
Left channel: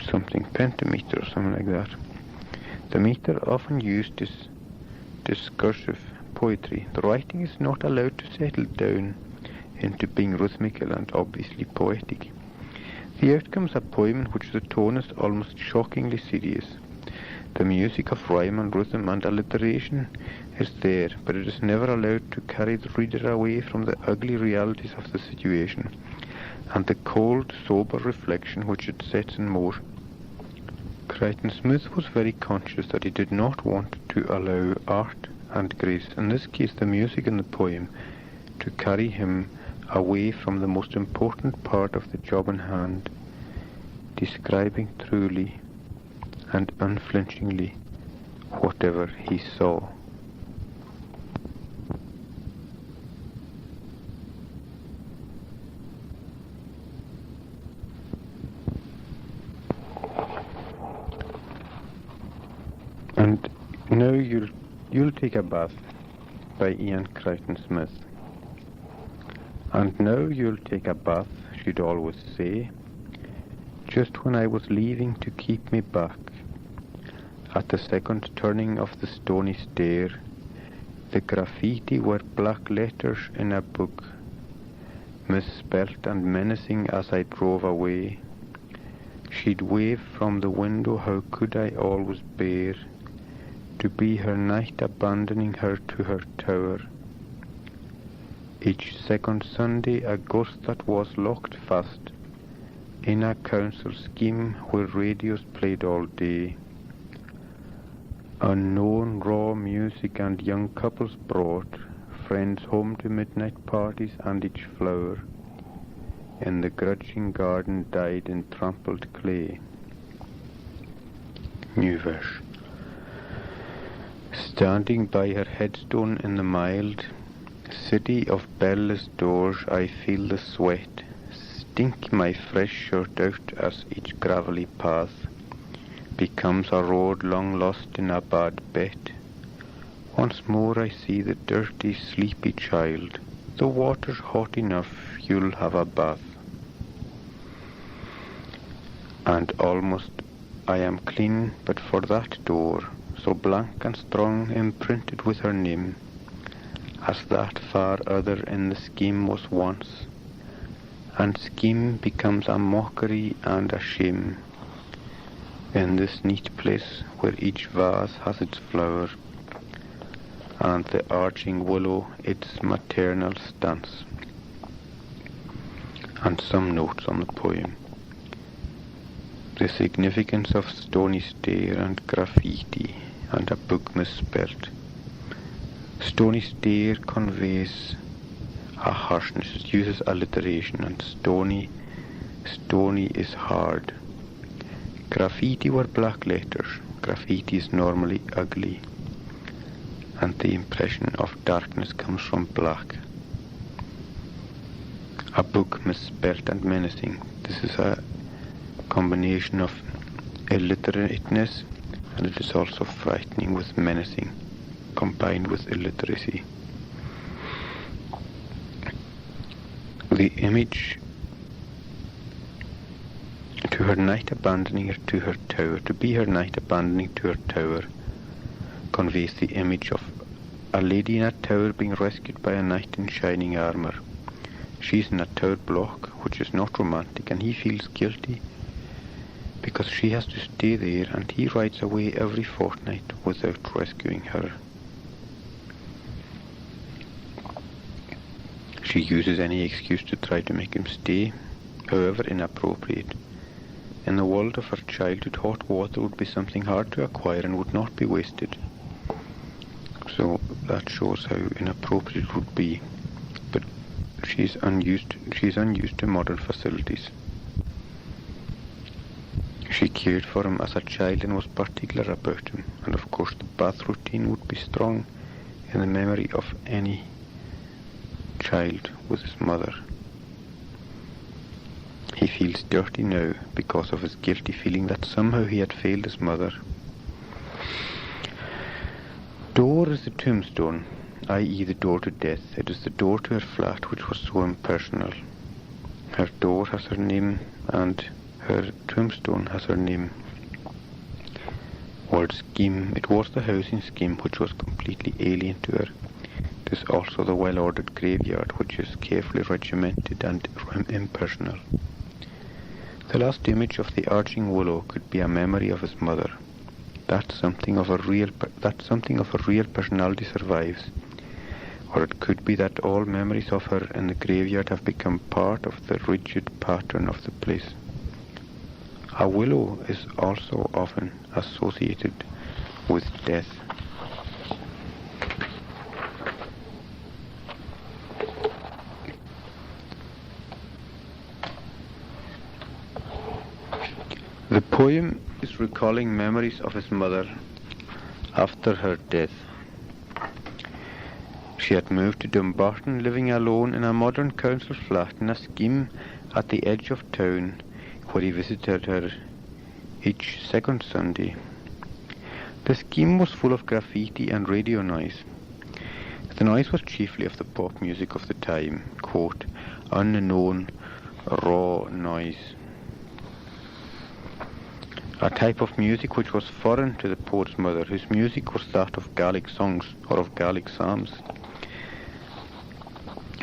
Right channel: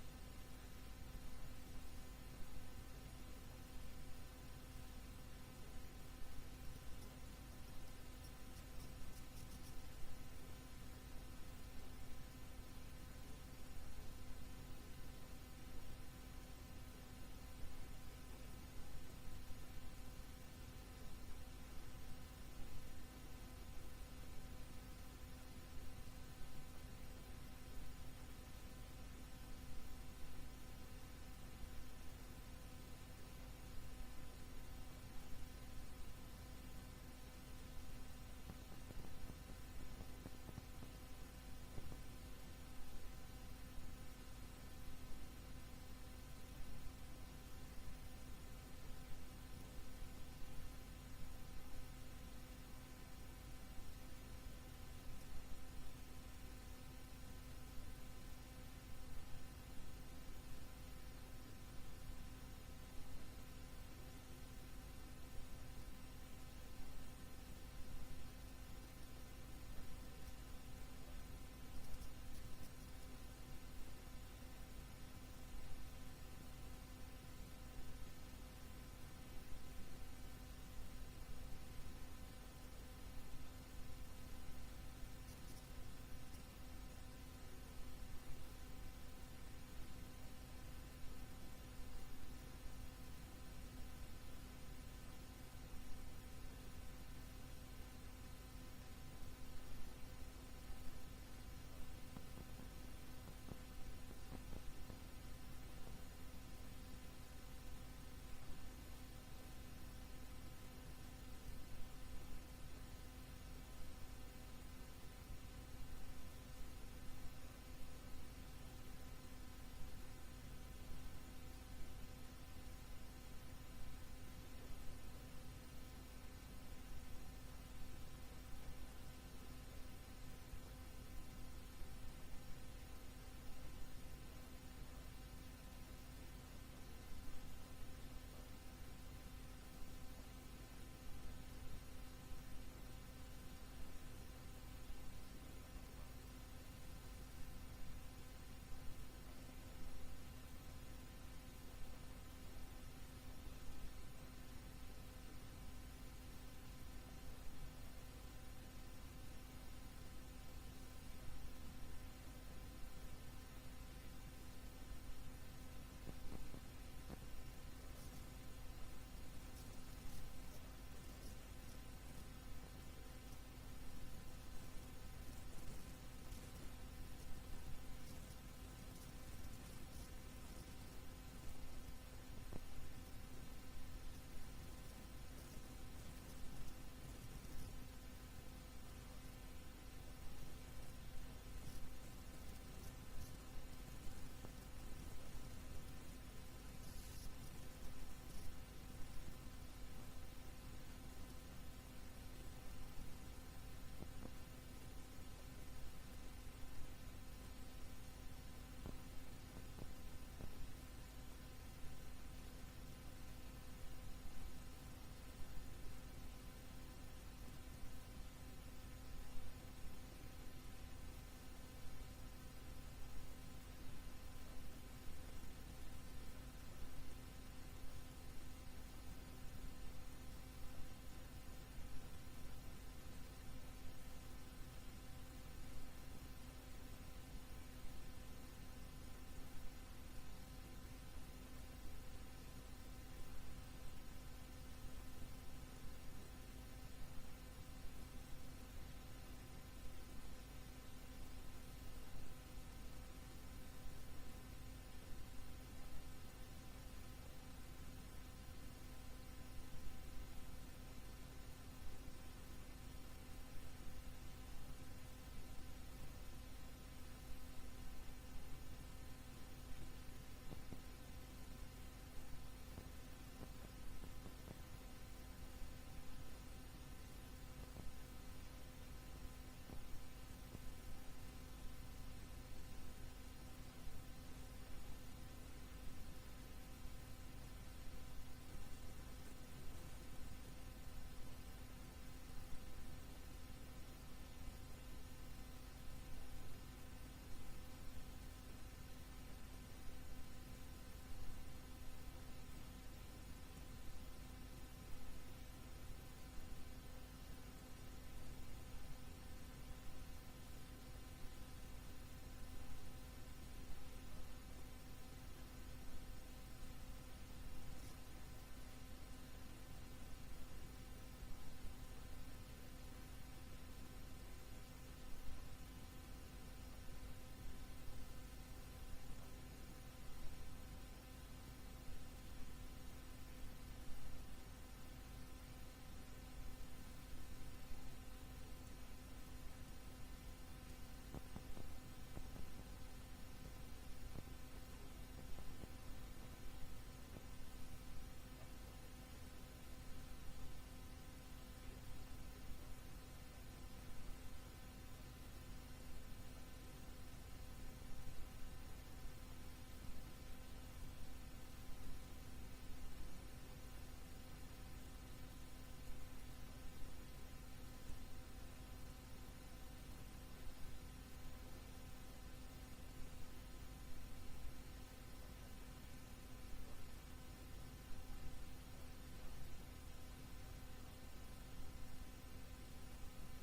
something pentameter or something like that. The meter often used is discursive poetry. The writing is not allowed to settle down into being rhythmical and obviously poetic. The outcome is a poem in which the tone is almost shockingly serious. The music of rhyme and rhythm and alliteration is there, but it is never allowed to carry the reader away from the ugly realities of the situation and the cold, sober reflection which it sets in motion. Crichton Smith was very conscious that he did not want to allow art and grace, in this case the music in the poem, to carry him away from the most important part of the job in hand, describing truly and unflinchingly whatever he saw. And now you'll take a bath by Ian Crichton Smith. And now you'll take a bath, she'd always say, just when I was leaving to keep me back. At the second turning of the stony stair, the graffiti were black letters in a book, misspelt and menacing as I drove away. She'd wave from the window, how could I always bear to be her knight, abandoning her to her tower. Each second Sunday a ghost that was locked fast in a council scheme where radios played all day. Unknown raw music and young couples brought friends home to midnight parties, and each flower in the grudging garden died in trampled clay. New verse. Standing by her headstone in the mild city of belless doors, I feel the sweat stink my fresh shirt out as each gravelly path becomes a road long lost in a bad bet. Once more I see the dirty, sleepy child. The water's hot enough, you'll have a bath. And almost I am clean, but for that door, so blank and strong, imprinted with her name, as that far other in the scheme was once, and scheme becomes a mockery and a shame. In this neat place where each vase has its flower, and the arching willow its maternal stance. And some notes on the poem. The significance of stony stair and graffiti and a book misspelt. Stony stair conveys a harshness, it uses alliteration, and stony is hard. Graffiti were black letters. Graffiti is normally ugly, and the impression of darkness comes from black. A book misspelt and menacing. This is a combination of illiterateness, and it is also frightening with menacing, combined with illiteracy. The image to her knight abandoning her to her tower, to be her knight abandoning to her tower, conveys the image of a lady in a tower being rescued by a knight in shining armour. She's in a tower block, which is not romantic, and he feels guilty because she has to stay there, and he rides away every fortnight without rescuing her. She uses any excuse to try to make him stay, however inappropriate. In the world of her childhood, hot water would be something hard to acquire and would not be wasted. So that shows how inappropriate it would be. But she's unused to modern facilities. She cared for him as a child and was particular about him, and of course the bath routine would be strong in the memory of any child with his mother. He feels dirty now because of his guilty feeling that somehow he had failed his mother. Door is the tombstone, i.e. the door to death. It is the door to her flat which was so impersonal. Her door has her name and her tombstone has her name. Word scheme. It was the housing scheme which was completely alien to her. It is also the well-ordered graveyard which is carefully regimented and impersonal. The last image of the arching willow could be a memory of his mother. That something of a real personality survives, or it could be that all memories of her in the graveyard have become part of the rigid pattern of the place. A willow is also often associated with death. The poem is recalling memories of his mother after her death. She had moved to Dumbarton, living alone in a modern council flat in a scheme at the edge of town, where he visited her each second Sunday. The scheme was full of graffiti and radio noise. The noise was chiefly of the pop music of the time, quote, unknown, raw noise. A type of music which was foreign to the poet's mother, whose music was that of Gaelic songs or of Gaelic psalms.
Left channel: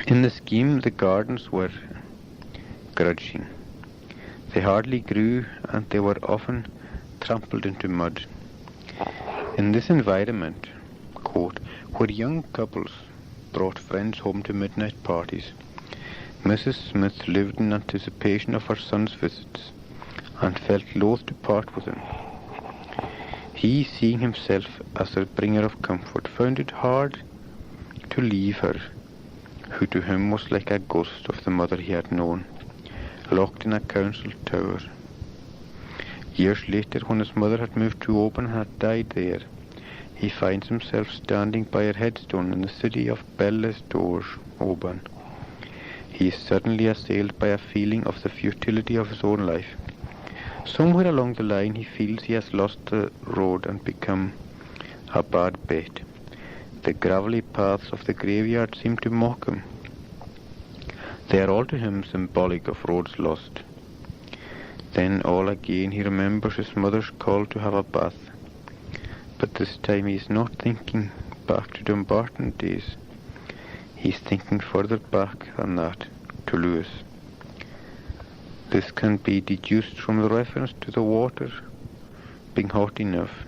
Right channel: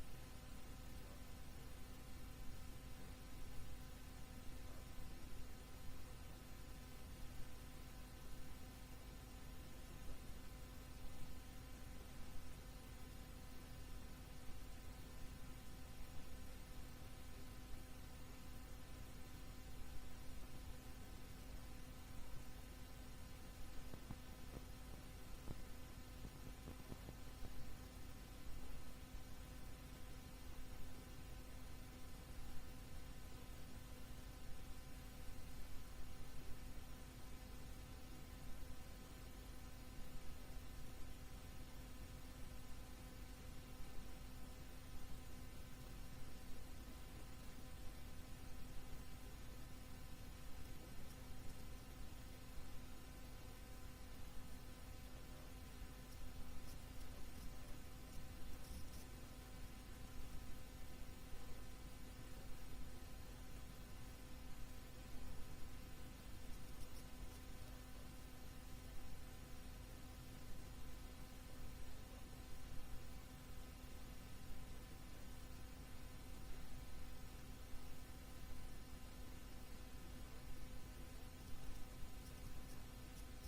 In the scheme, the gardens were grudging. They hardly grew, and they were often trampled into mud. In this environment, quote, where young couples brought friends home to midnight parties, Mrs. Smith lived in anticipation of her son's visits, and felt loath to part with him. He, seeing himself as a bringer of comfort, found it hard to leave her, who to him was like a ghost of the mother he had known, locked in a council tower. Years later, when his mother had moved to Oban and had died there, he finds himself standing by her headstone in the city of Belles Doors, Oban. He is suddenly assailed by a feeling of the futility of his own life. Somewhere along the line he feels he has lost the road and become a bad bet. The gravelly paths of the graveyard seem to mock him. They are all to him symbolic of roads lost. Then all again he remembers his mother's call to have a bath. But this time he is not thinking back to Dumbarton days. He is thinking further back than that, to Lewis. This can be deduced from the reference to the water being hot enough,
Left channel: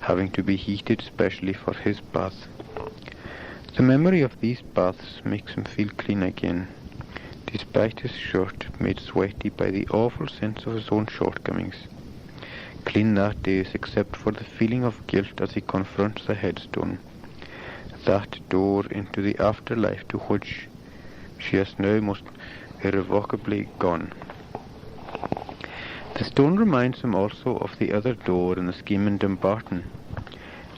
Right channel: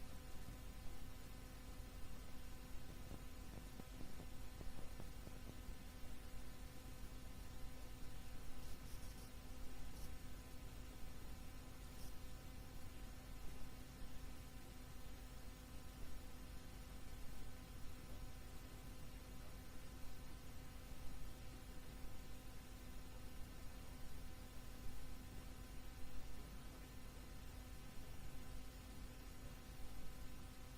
having to be heated specially for his bath. The memory of these baths makes him feel clean again, despite his shirt made sweaty by the awful sense of his own shortcomings. Clean that days, except for the feeling of guilt as he confronts the headstone, that door into the afterlife to which she has now most irrevocably gone. The stone reminds him also of the other door in the scheme in Dumbarton,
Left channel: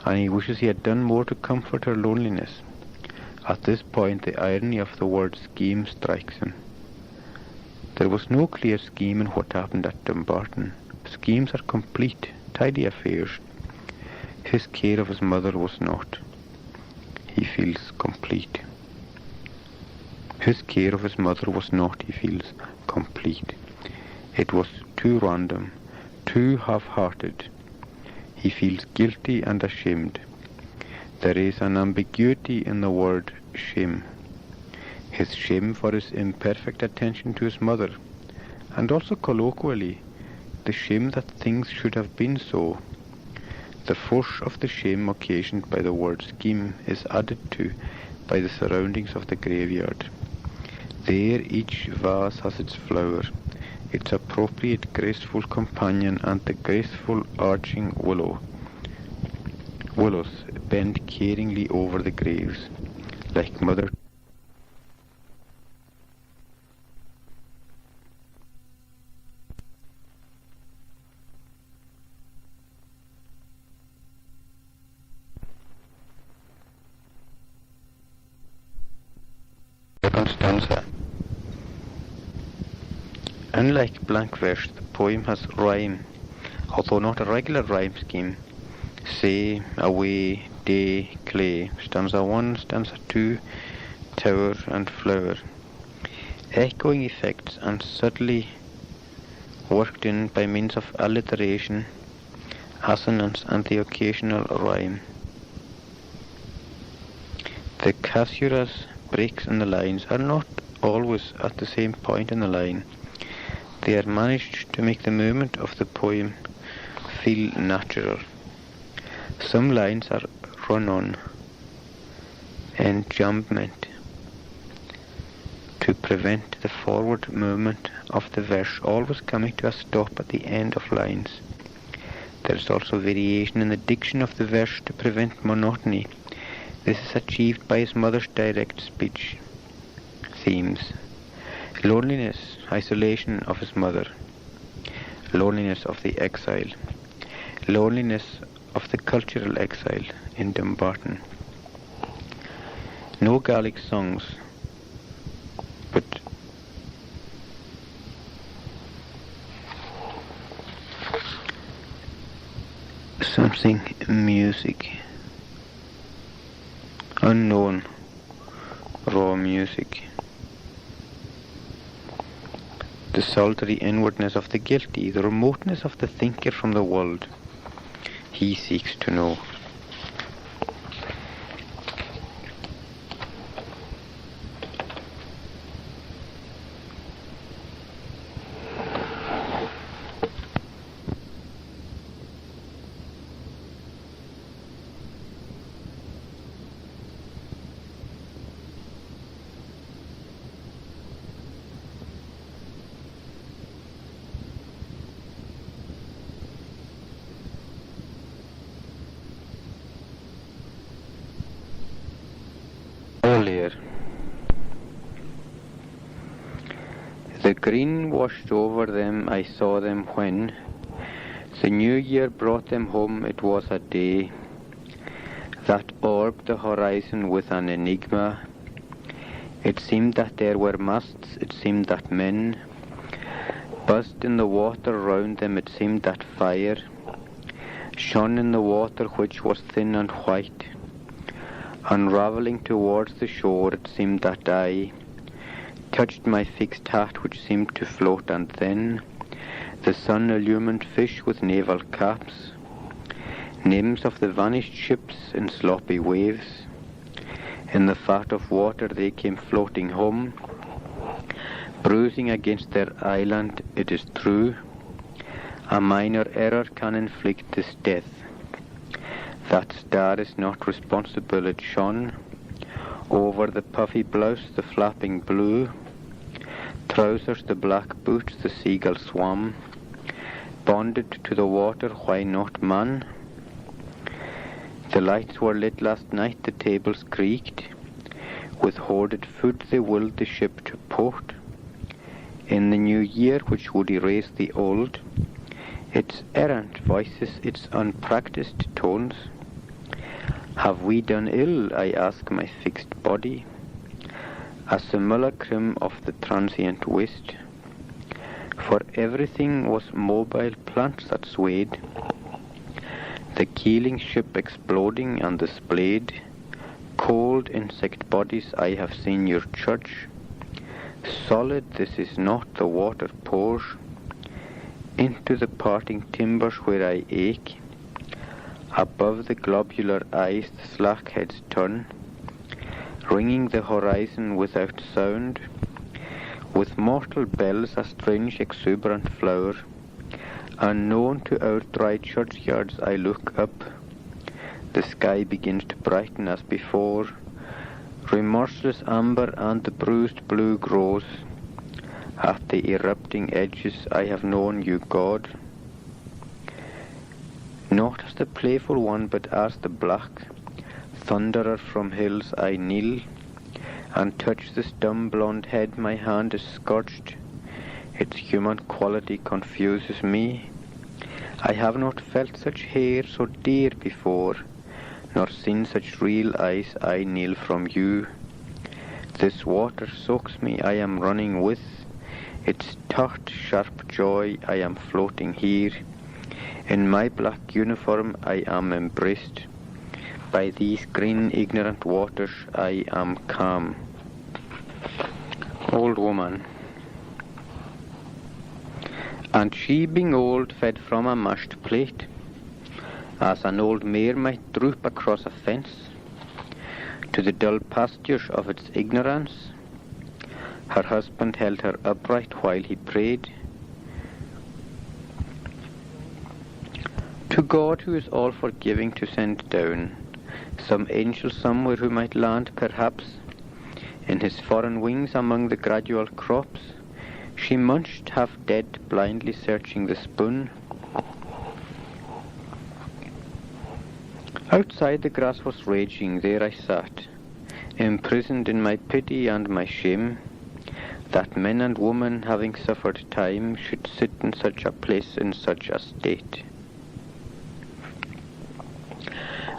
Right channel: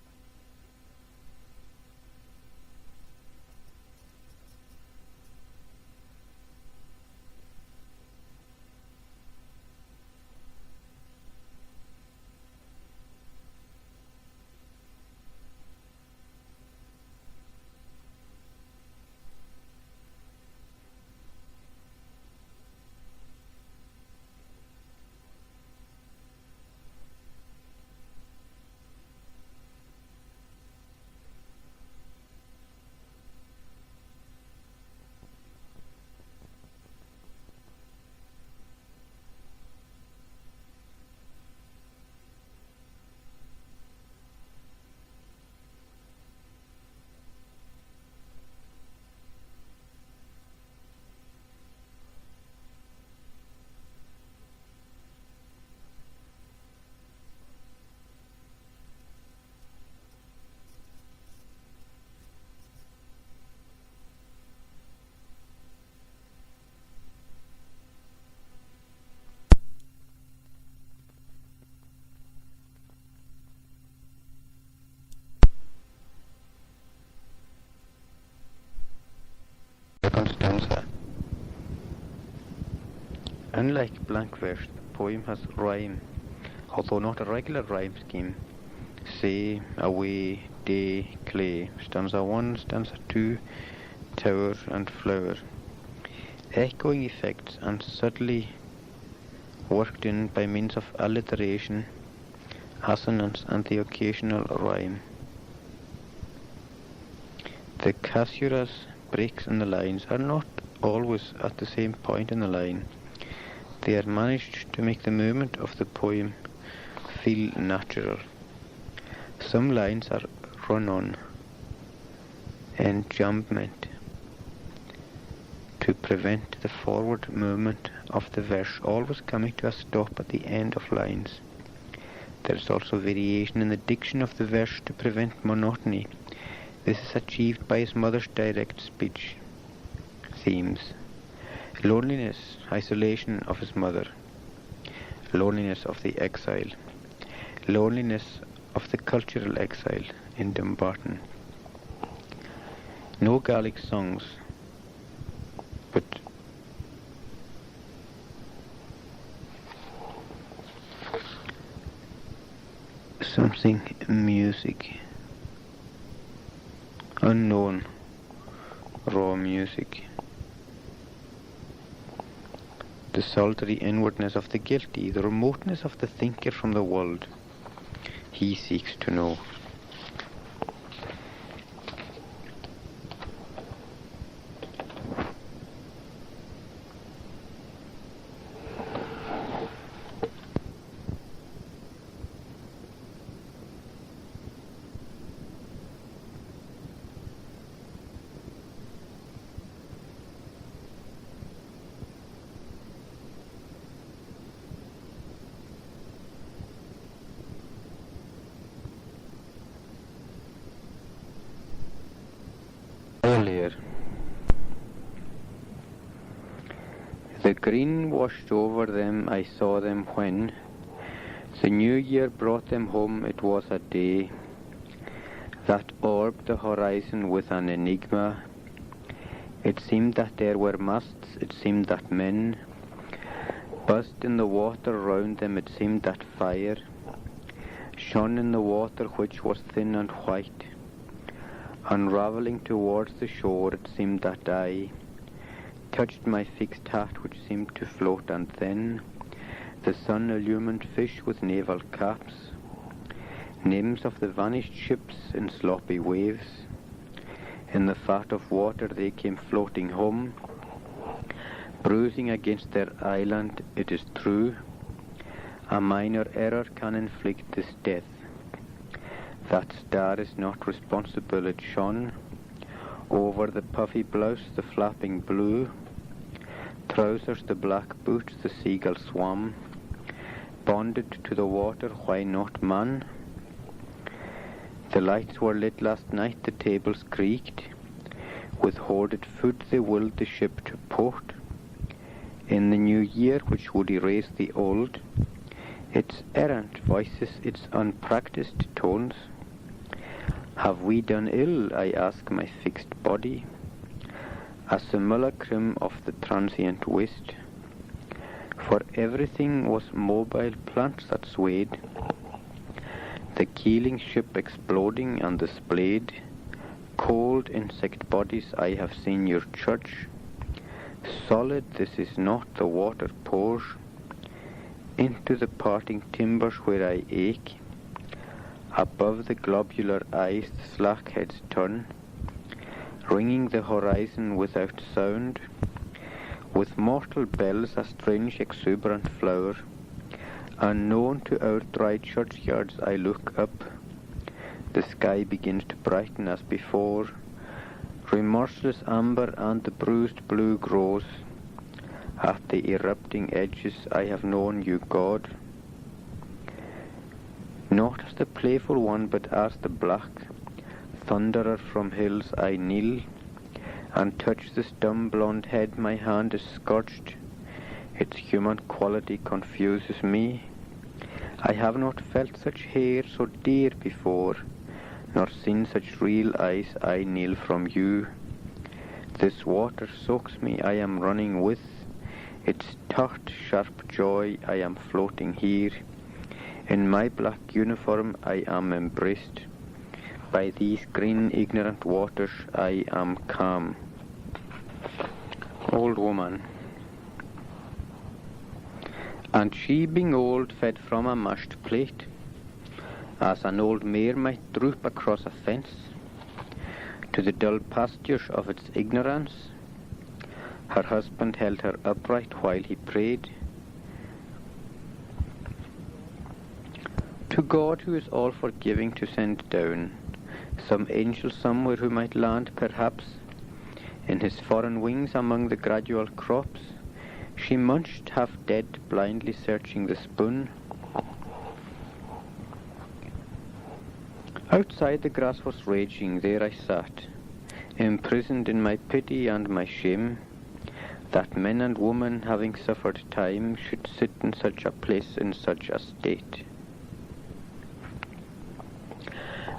and he wishes he had done more to comfort her loneliness. At this point the irony of the word scheme strikes him. There was no clear scheme in what happened at Dumbarton. Schemes are complete, tidy affairs. His care of his mother was not. He feels complete. His care of his mother was not, he feels, complete. It was too random, too half-hearted. He feels guilty and ashamed. There is an ambiguity in the word shame. His shame for his imperfect attention to his mother, and also colloquially, the shame that things should have been so. The force of the shame occasioned by the word scheme is added to by the surroundings of the graveyard. There each vase has its flower, its appropriate graceful companion, and the graceful arching willows bend caringly over the graves, like mother. Second stanza. Unlike blank verse, the poem has rhyme, although not a regular rhyme scheme. Say, away, day, clay, stanza 1, stanza 2, tower and flower. Echoing effects and subtly worked in by means of alliteration, assonance and the occasional rhyme. The casuras, breaks in the lines are not always at the same point in the line. They are managed to make the movement of the poem feel natural. Some lines are run-on, enjambment, to prevent the forward movement of the verse always coming to a stop at the end of lines. There is also variation in the diction of the verse to prevent monotony. This is achieved by his mother's direct speech. Themes: loneliness, isolation of his mother, loneliness of the exile, loneliness of the cultural exile in Dumbarton. No Gaelic songs, but something music, unknown, raw music. The solitary inwardness of the guilty, the remoteness of the thinker from the world. He seeks to know. Iolaire. The green washed over them, I saw them when the new year brought them home. It was a day that orbed the horizon with an enigma. It seemed that there were masts, it seemed that men buzzed in the water round them, it seemed that fire shone in the water which was thin and white. Unravelling towards the shore, it seemed that I touched my fixed hat which seemed to float, and then the sun-illumined fish with naval caps, names of the vanished ships in sloppy waves. In the fat of water they came floating home, bruising against their island, it is true. A minor error can inflict this death. That star is not responsible, it shone over the puffy blouse, the flapping blue trousers, the black boots, the seagull swam, bonded to the water, why not man? The lights were lit last night, the tables creaked, with hoarded food they willed the ship to port. In the new year which would erase the old, its errant voices, its unpracticed tones. Have we done ill, I ask my fixed body, a simulacrum of the transient waste? For everything was mobile plants that swayed, the keeling ship exploding and displayed cold insect bodies. I have seen your church, solid, this is not, the water pours into the parting timbers where I ache. Above the globular eyes the slack heads turn, ringing the horizon without sound. With mortal bells a strange exuberant flower, unknown to our dry churchyards I look up. The sky begins to brighten as before, remorseless amber and the bruised blue grows. At the erupting edges I have known you, God, not as the playful one, but as the black thunderer from hills. I kneel and touch this dumb blonde head, my hand is scorched, its human quality confuses me. I have not felt such hair so dear before, nor seen such real eyes. I kneel from you. This water soaks me, I am running with It's taut, sharp joy I am floating here. In my black uniform I am embraced. By these green ignorant waters I am calm. Old woman. And she being old fed from a mashed plate, as an old mare might droop across a fence, to the dull pastures of its ignorance. Her husband held her upright while he prayed. To God, who is all forgiving, to send down some angel somewhere who might land perhaps in his foreign wings among the gradual crops, she munched half dead, blindly searching the spoon. Outside the grass was raging, there I sat, imprisoned in my pity and my shame, that men and women, having suffered time, should sit in such a place in such a state.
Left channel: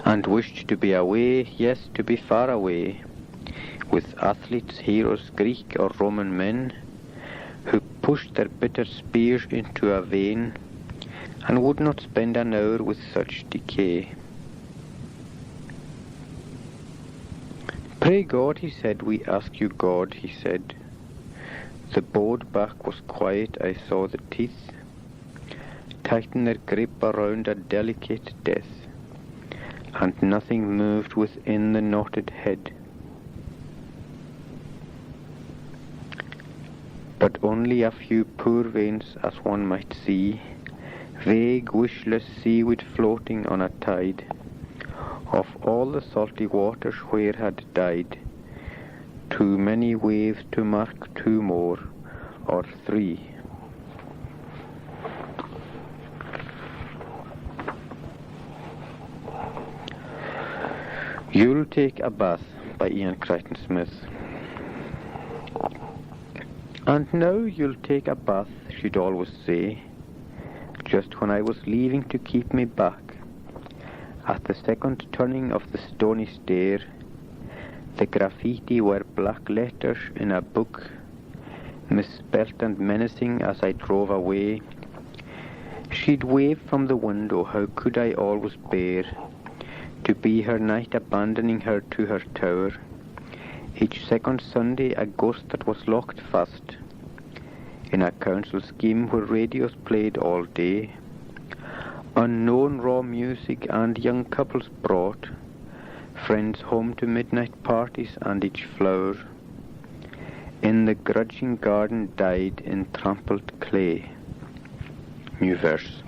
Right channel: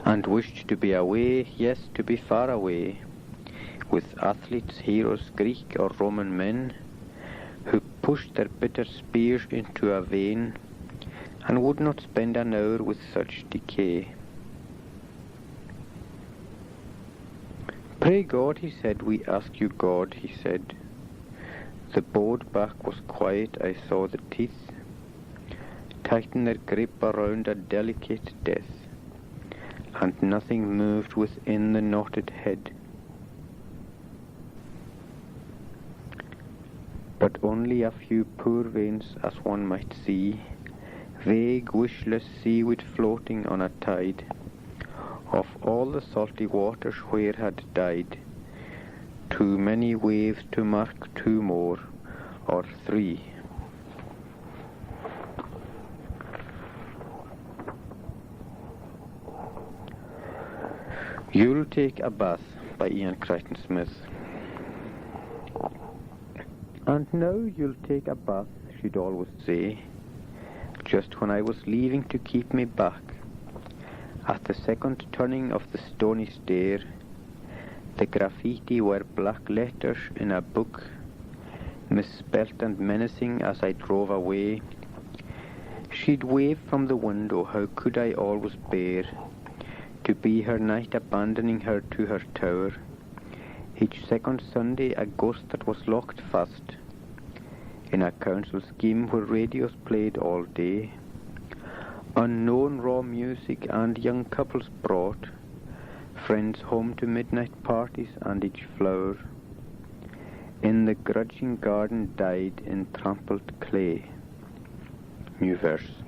And wished to be away, yes, to be far away, with athletes, heroes, Greek or Roman men, who pushed their bitter spears into a vein, and would not spend an hour with such decay. Pray God, he said, we ask you God, he said. The bowed back was quiet, I saw the teeth tighten their grip around a delicate death, and nothing moved within the knotted head, but only a few poor veins, as one might see, vague, wishless seaweed floating on a tide, of all the salty waters where had died too many waves to mark two more or three. You'll take a bath by Ian Crichton Smith. And now you'll take a bath, she'd always say, just when I was leaving to keep me back. At the second turning of the stony stair, the graffiti were black letters in a book, misspelt and menacing as I drove away. She'd wave from the window, how could I always bear to be her knight, abandoning her to her tower, each second Sunday a ghost that was locked fast in a council scheme where radios played all day. Unknown raw music, and young couples brought friends home to midnight parties, and each flower in the grudging garden died in trampled clay. New verse.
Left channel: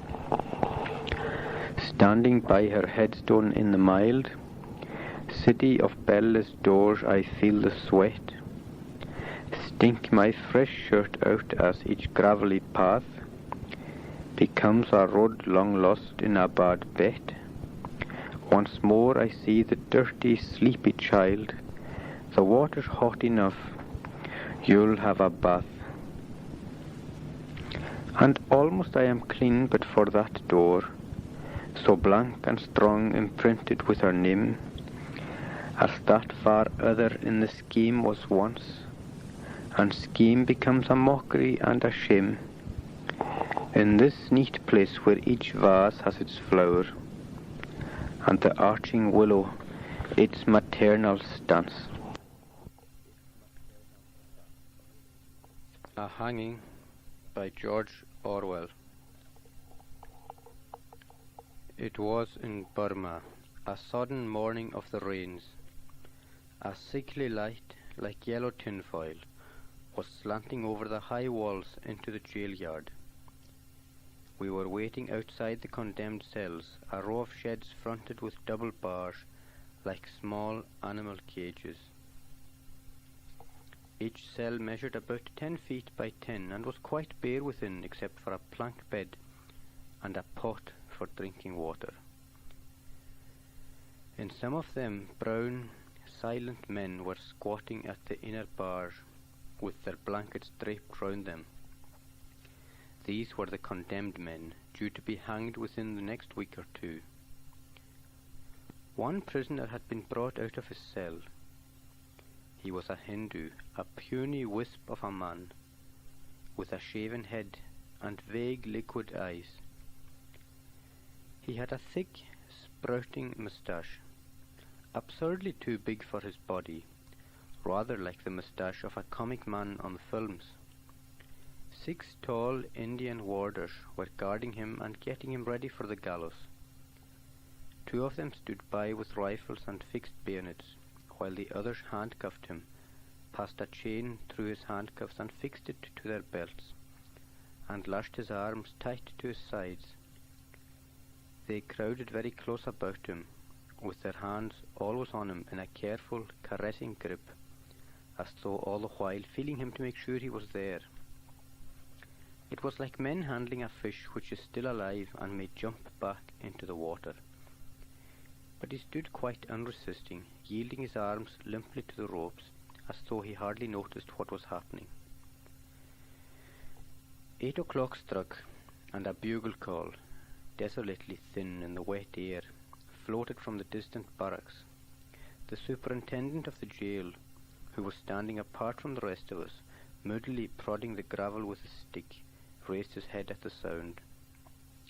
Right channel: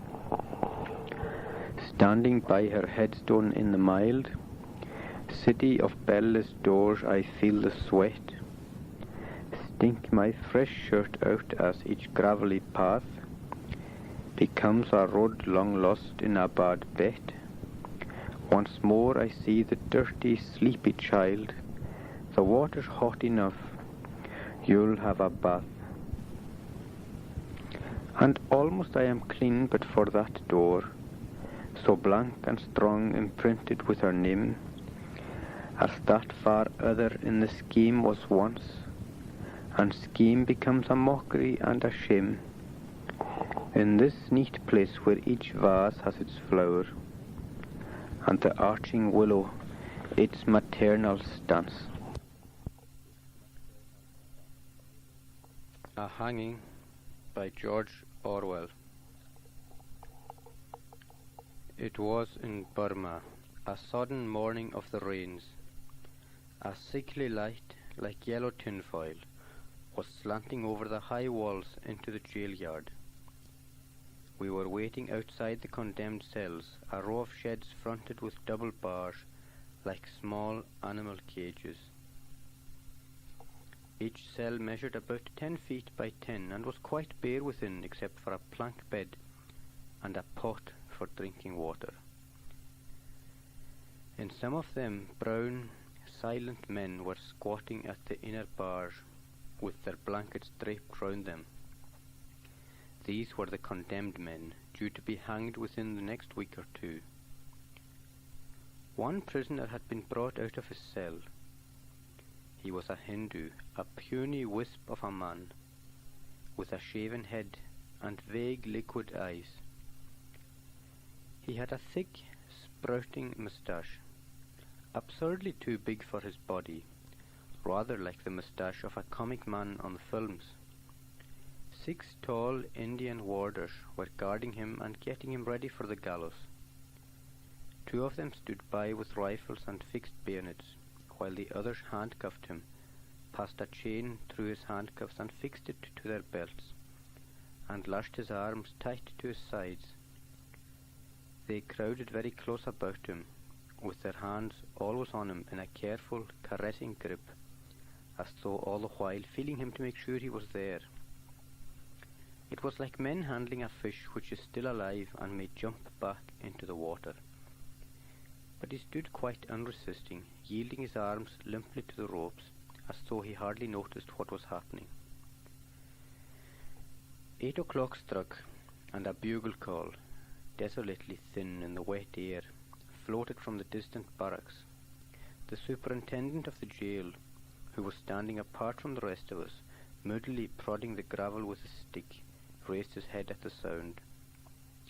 Standing by her headstone in the mild city of bell-less doors, I feel the sweat stink my fresh shirt out as each gravelly path becomes a road long lost in a bad bet. Once more I see the dirty, sleepy child. The water's hot enough, you'll have a bath. And almost I am clean but for that door, so blank and strong, imprinted with her name, as that far other in the scheme was once, and scheme becomes a mockery and a shame. In this neat place where each vase has its flower, and the arching willow its maternal stance. A Hanging by George Orwell. It was in Burma, a sodden morning of the rains. A sickly light, like yellow tinfoil, was slanting over the high walls into the jail yard. We were waiting outside the condemned cells, a row of sheds fronted with double bars, like small animal cages. Each cell measured about 10 feet by 10 and was quite bare within, except for a plank bed and a pot for drinking water. In some of them, brown, silent men were squatting at the inner bars with their blankets draped round them. These were the condemned men, due to be hanged within the next week or two. One prisoner had been brought out of his cell. He was a Hindu, a puny wisp of a man, with a shaven head and vague liquid eyes. He had a thick, sprouting moustache, absurdly too big for his body, rather like the moustache of a comic man on the films. 6 tall Indian warders were guarding him and getting him ready for the gallows. 2 of them stood by with rifles and fixed bayonets, while the others handcuffed him, passed a chain through his handcuffs and fixed it to their belts, and lashed his arms tight to his sides. They crowded very close about him, with their hands always on him in a careful, caressing grip, as though all the while feeling him to make sure he was there. It was like men handling a fish which is still alive and may jump back into the water. But he stood quite unresisting, yielding his arms limply to the ropes, as though he hardly noticed what was happening. 8 o'clock struck, and a bugle call, desolately thin in the wet air, floated from the distant barracks. The superintendent of the jail, who was standing apart from the rest of us, moodily prodding the gravel with his stick, raised his head at the sound.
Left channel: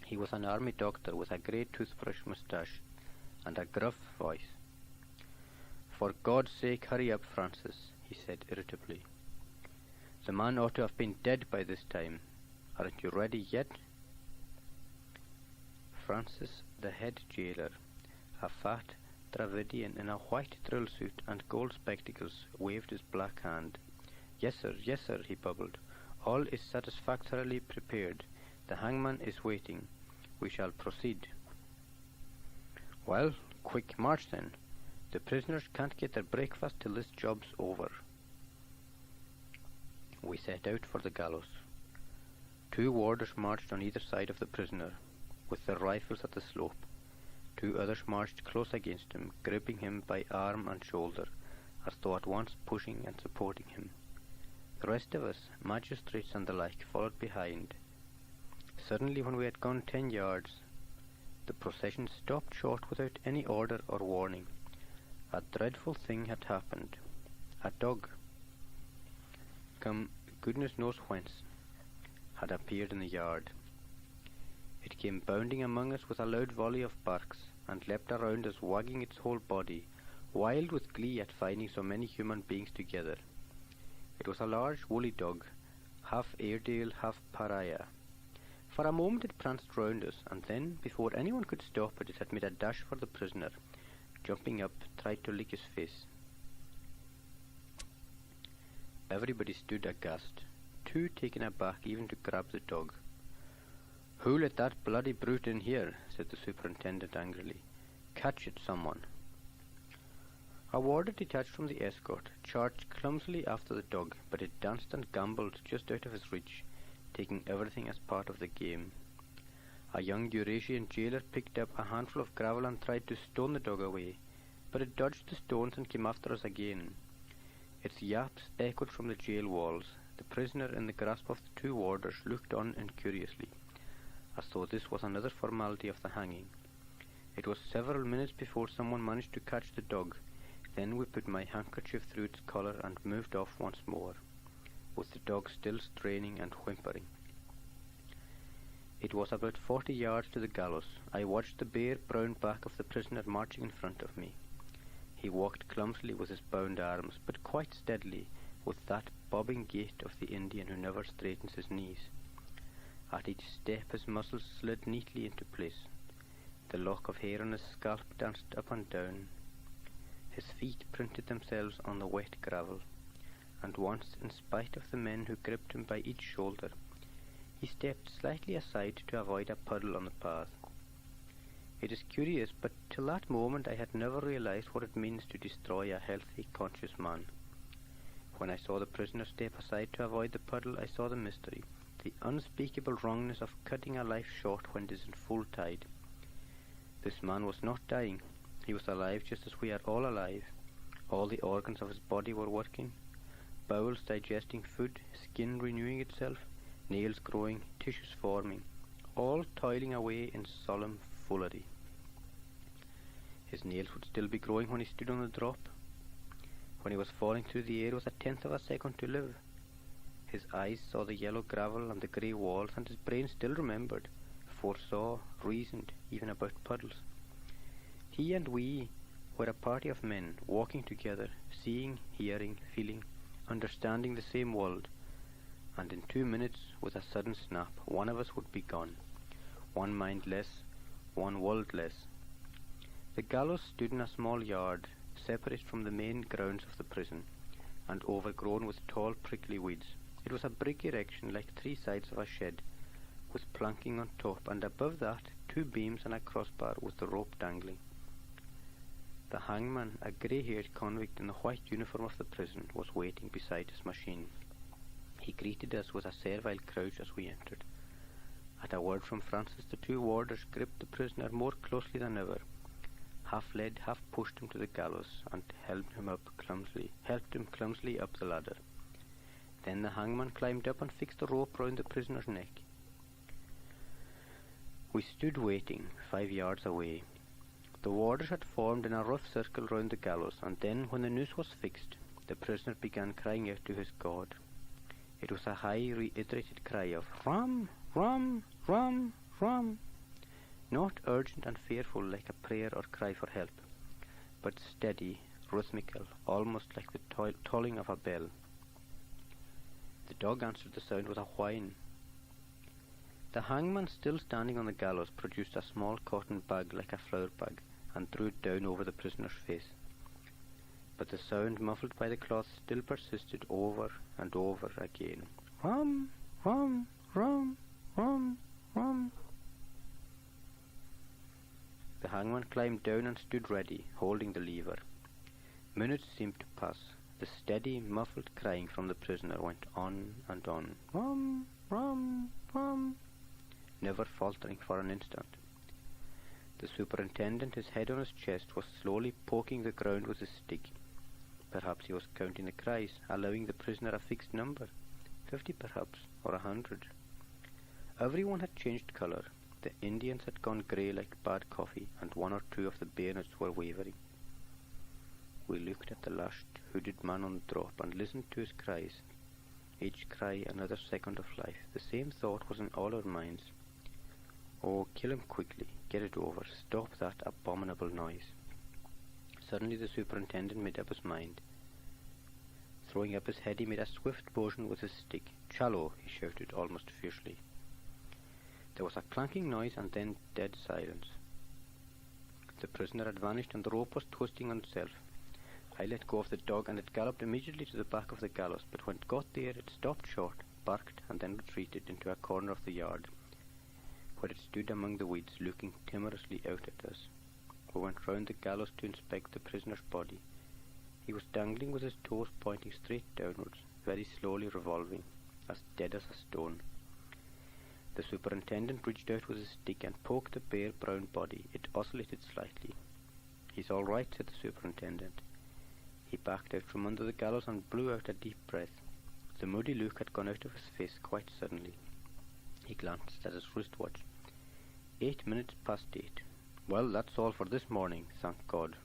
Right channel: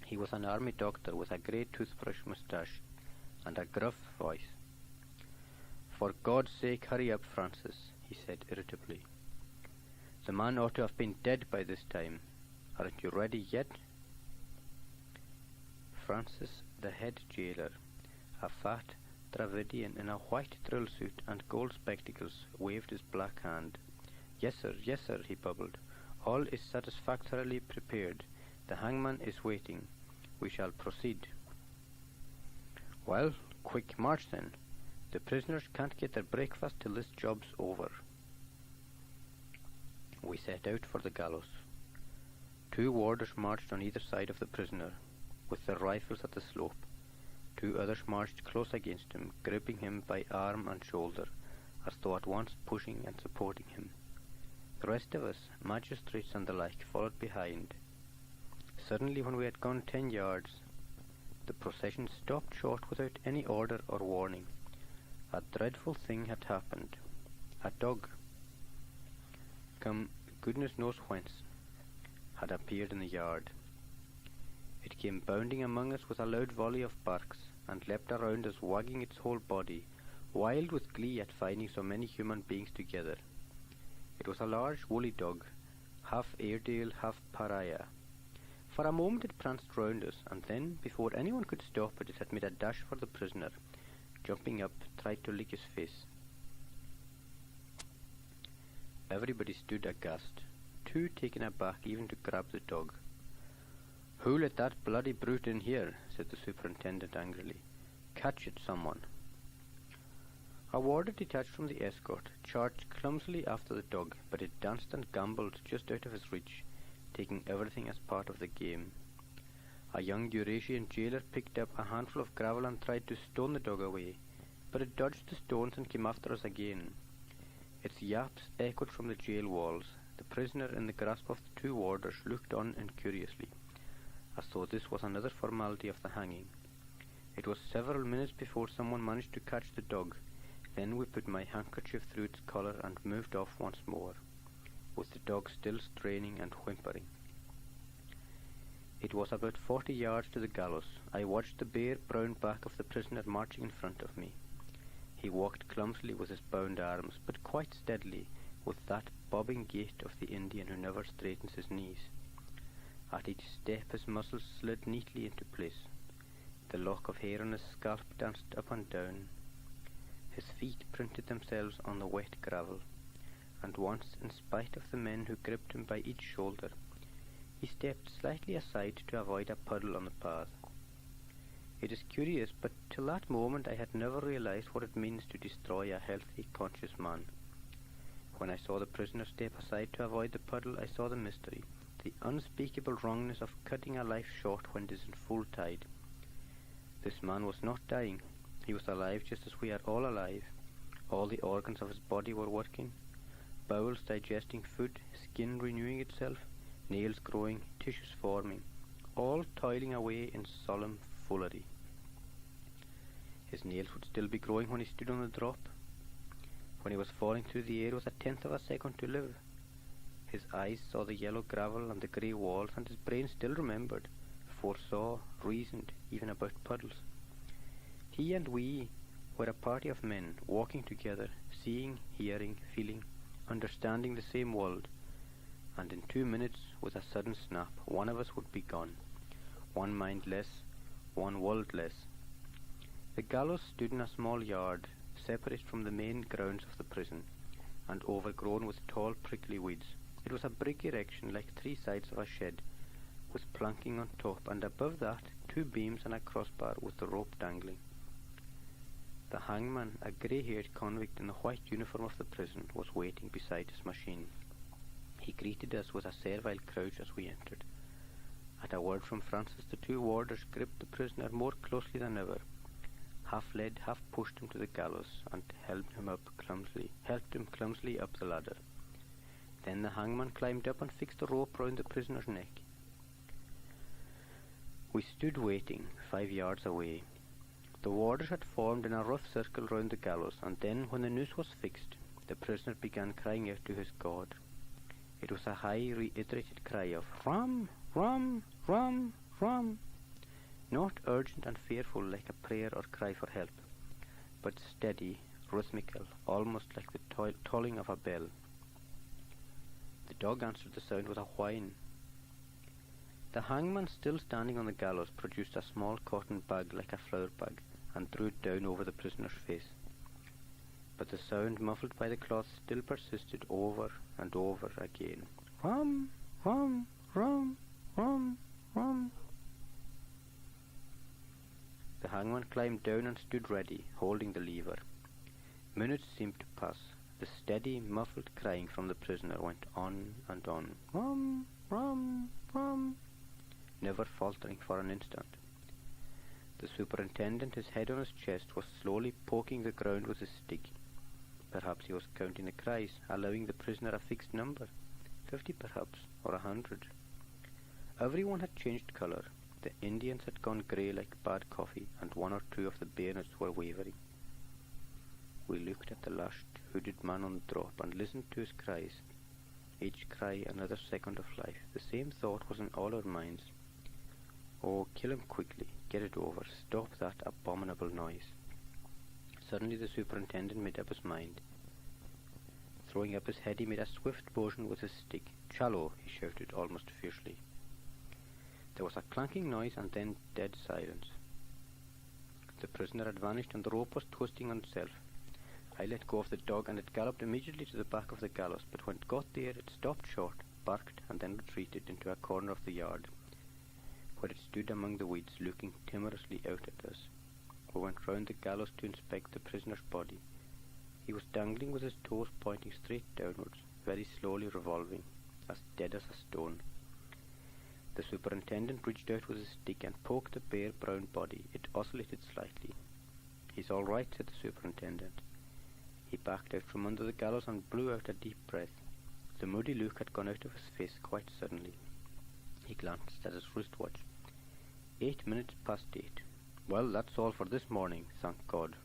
He was an army doctor with a grey toothbrush moustache and a gruff voice. "For God's sake, hurry up, Francis," he said irritably. "The man ought to have been dead by this time. Aren't you ready yet?" Francis, the head jailer, a fat Dravidian in a white drill suit and gold spectacles, waved his black hand. Yes, sir," he bubbled. "All is satisfactorily prepared. The hangman is waiting. We shall proceed." "Well, quick march then. The prisoners can't get their breakfast till this job's over." We set out for the gallows. 2 warders marched on either side of the prisoner, with their rifles at the slope. 2 others marched close against him, gripping him by arm and shoulder, as though at once pushing and supporting him. The rest of us, magistrates and the like, followed behind. Suddenly, when we had gone 10 yards, the procession stopped short without any order or warning. A dreadful thing had happened. A dog, come goodness knows whence, had appeared in the yard. It came bounding among us with a loud volley of barks, and leapt around us, wagging its whole body, wild with glee at finding so many human beings together. It was a large woolly dog, half Airedale, half pariah. For a moment it pranced round us, and then, before anyone could stop it, it had made a dash for the prisoner. Jumping up, tried to lick his face. Everybody stood aghast, too taken aback even to grab the dog. "Who let that bloody brute in here?" said the superintendent angrily. "Catch it, someone." A warder detached from the escort charged clumsily after the dog, but it danced and gambolled just out of his reach, taking everything as part of the game. A young Eurasian jailer picked up a handful of gravel and tried to stone the dog away, but it dodged the stones and came after us again. Its yaps echoed from the jail walls. The prisoner, in the grasp of the 2 warders, looked on incuriously, as though this was another formality of the hanging. It was several minutes before someone managed to catch the dog. Then we put my handkerchief through its collar and moved off once more, with the dog still straining and whimpering. It was about 40 yards to the gallows. I watched the bare brown back of the prisoner marching in front of me. He walked clumsily with his bound arms, but quite steadily, with that bobbing gait of the Indian who never straightens his knees. At each step his muscles slid neatly into place. The lock of hair on his scalp danced up and down. His feet printed themselves on the wet gravel, and once, in spite of the men who gripped him by each shoulder, he stepped slightly aside to avoid a puddle on the path. It is curious, but till that moment I had never realized what it means to destroy a healthy, conscious man. When I saw the prisoner step aside to avoid the puddle, I saw the mystery, the unspeakable wrongness of cutting a life short when it is in full tide. This man was not dying. He was alive just as we are all alive. All the organs of his body were working, bowels digesting food, skin renewing itself, nails growing, tissues forming, all toiling away in solemn foolery. His nails would still be growing when he stood on the drop. When he was falling through the air with a tenth of a second to live, His eyes saw the yellow gravel and the grey walls, and his brain still remembered, foresaw, reasoned, even about puddles. He and we were a party of men walking together, seeing, hearing, feeling, understanding the same world, and in 2 minutes, with a sudden snap, one of us would be gone. One mind less, one world less. The gallows stood in a small yard, separate from the main grounds of the prison, and overgrown with tall prickly weeds. It was a brick erection like 3 sides of a shed, with planking on top, and above that 2 beams and a crossbar with the rope dangling. The hangman, a grey-haired convict in the white uniform of the prison, was waiting beside his machine. He greeted us with a servile crouch as we entered. At a word from Francis, the 2 warders gripped the prisoner more closely than ever, half led, half pushed him to the gallows, and helped him clumsily up the ladder. Then the hangman climbed up and fixed the rope round the prisoner's neck. We stood waiting, 5 yards away. The warders had formed in a rough circle round the gallows, and then, when the noose was fixed, the prisoner began crying out to his God. It was a high, reiterated cry of "Rum, rum, rum, rum," not urgent and fearful like a prayer or cry for help, but steady, rhythmical, almost like the tolling of a bell. The dog answered the sound with a whine. The hangman, still standing on the gallows, produced a small cotton bag like a flour bag, and threw it down over the prisoner's face. But the sound, muffled by the cloth, still persisted over and over again. "Rum, rum, rum, rum, rum." The hangman climbed down and stood ready, holding the lever. Minutes seemed to pass. The steady, muffled crying from the prisoner went on and on. "Rum, rum, rum," never faltering for an instant. The superintendent, his head on his chest, was slowly poking the ground with his stick. Perhaps he was counting the cries, allowing the prisoner a fixed number, 50 perhaps, or 100. Everyone had changed colour. The Indians had gone grey like bad coffee, and 1 or 2 of the bayonets were wavering. We looked at the lashed, hooded man on the drop, and listened to his cries. Each cry another second of life. The same thought was in all our minds. Oh, kill him quickly, get it over, stop that abominable noise. Suddenly the superintendent made up his mind. Throwing up his head, he made a swift motion with his stick. "Challo," he shouted, almost fiercely. There was a clanking noise, and then dead silence. The prisoner had vanished, and the rope was twisting on itself. I let go of the dog, and it galloped immediately to the back of the gallows, but when it got there, it stopped short, barked, and then retreated into a corner of the yard, where it stood among the weeds, looking timorously out at us. We went round the gallows to inspect the prisoner's body. He was dangling with his toes pointing straight downwards, very slowly revolving, as dead as a stone. The superintendent reached out with his stick and poked the bare brown body. It oscillated slightly. "He's all right," said the superintendent. He backed out from under the gallows and blew out a deep breath. The moody look had gone out of his face quite suddenly. He glanced at his wristwatch. 8 minutes past 8. "Well, that's all for this morning, thank God."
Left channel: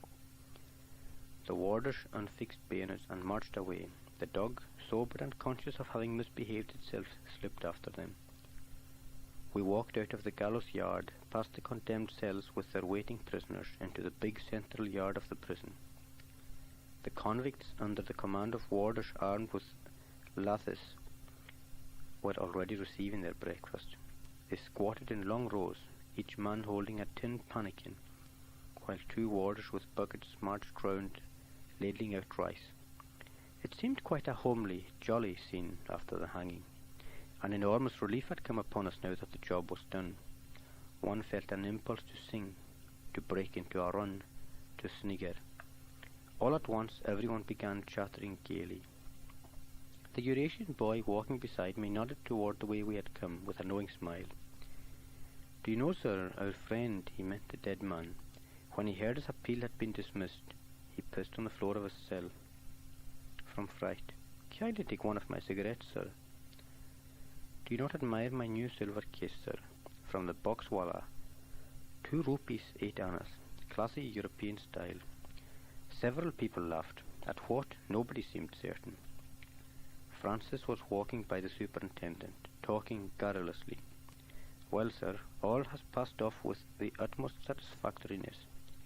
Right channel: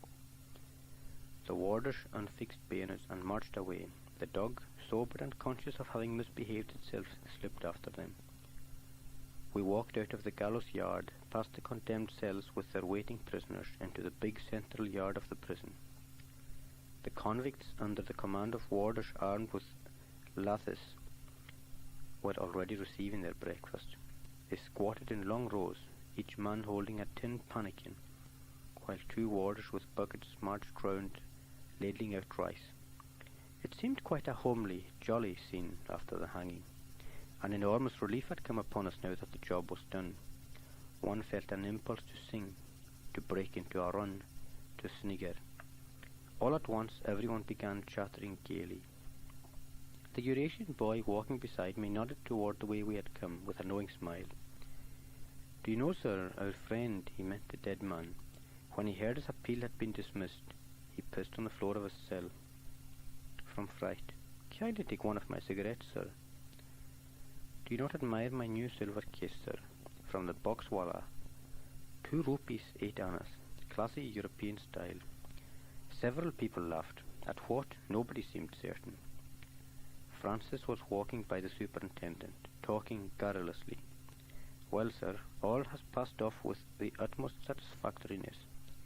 The warders unfixed bayonets and marched away. The dog, sober and conscious of having misbehaved itself, slipped after them. We walked out of the gallows yard, past the condemned cells with their waiting prisoners, into the big central yard of the prison. The convicts, under the command of warders armed with lathis, were already receiving their breakfast. They squatted in long rows, each man holding a tin pannikin, while 2 warders with buckets marched round, ladling out rice. It seemed quite a homely, jolly scene after the hanging. An enormous relief had come upon us now that the job was done. One felt an impulse to sing, to break into a run, to snigger. All at once everyone began chattering gaily. The Eurasian boy walking beside me nodded toward the way we had come, with a knowing smile. "Do you know, sir, our friend," he meant the dead man, "when he heard his appeal had been dismissed, he pissed on the floor of his cell. From fright. Kindly take one of my cigarettes, sir." "Do you not admire my new silver case, sir? From the boxwallah. 2 rupees 8 annas. Classy European style." Several people laughed. At what, nobody seemed certain. Francis was walking by the superintendent, talking garrulously. "Well, sir, all has passed off with the utmost satisfactoriness.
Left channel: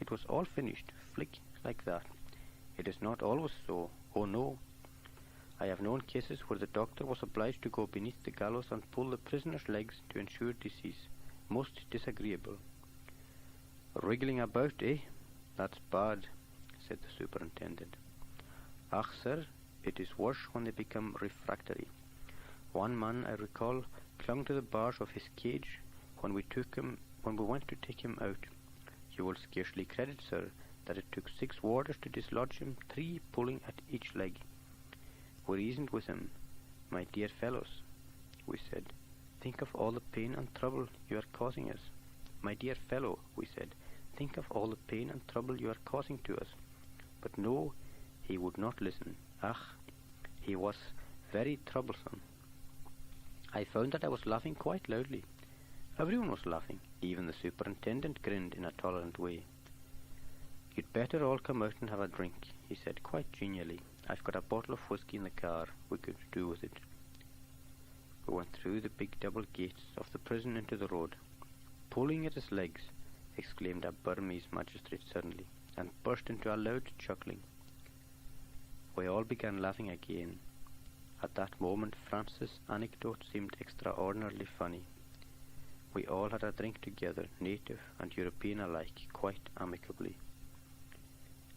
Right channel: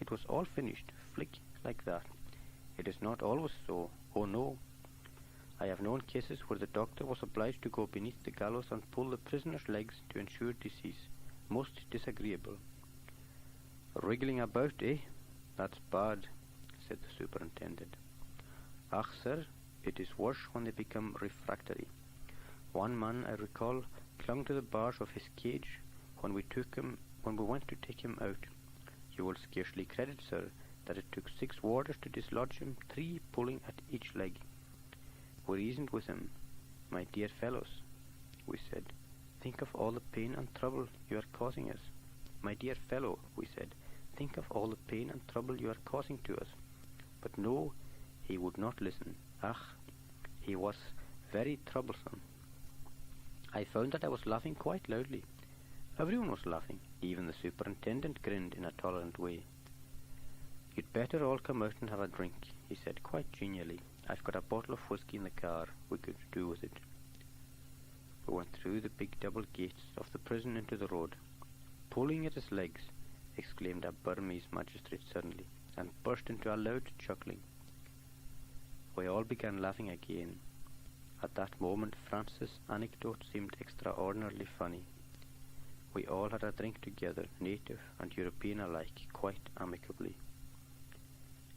It was all finished, flick, like that. It is not always so, oh no. I have known cases where the doctor was obliged to go beneath the gallows and pull the prisoner's legs to ensure decease. Most disagreeable." "Wriggling about, eh? That's bad," said the superintendent. "Ach, sir, it is worse when they become refractory. One man, I recall, clung to the bars of his cage when we went to take him out. You will scarcely credit, sir, that it took 6 warders to dislodge him, 3 pulling at each leg. We reasoned with him. 'My dear fellows,' we said, 'think of all the pain and trouble you are causing us. My dear fellow,' we said, 'think of all the pain and trouble you are causing to us.' But no, he would not listen. Ach, he was very troublesome. I found that I was laughing quite loudly. Everyone was laughing. Even the superintendent grinned in a tolerant way. 'You'd better all come out and have a drink,' he said quite genially. 'I've got a bottle of whisky in the car. We could do with it.' We went through the big double gates of the prison into the road. 'Pulling at his legs,' exclaimed a Burmese magistrate suddenly, and burst into a loud chuckling. We all began laughing again. At that moment Francis' anecdote seemed extraordinarily funny. We all had a drink together, native and European alike, quite amicably.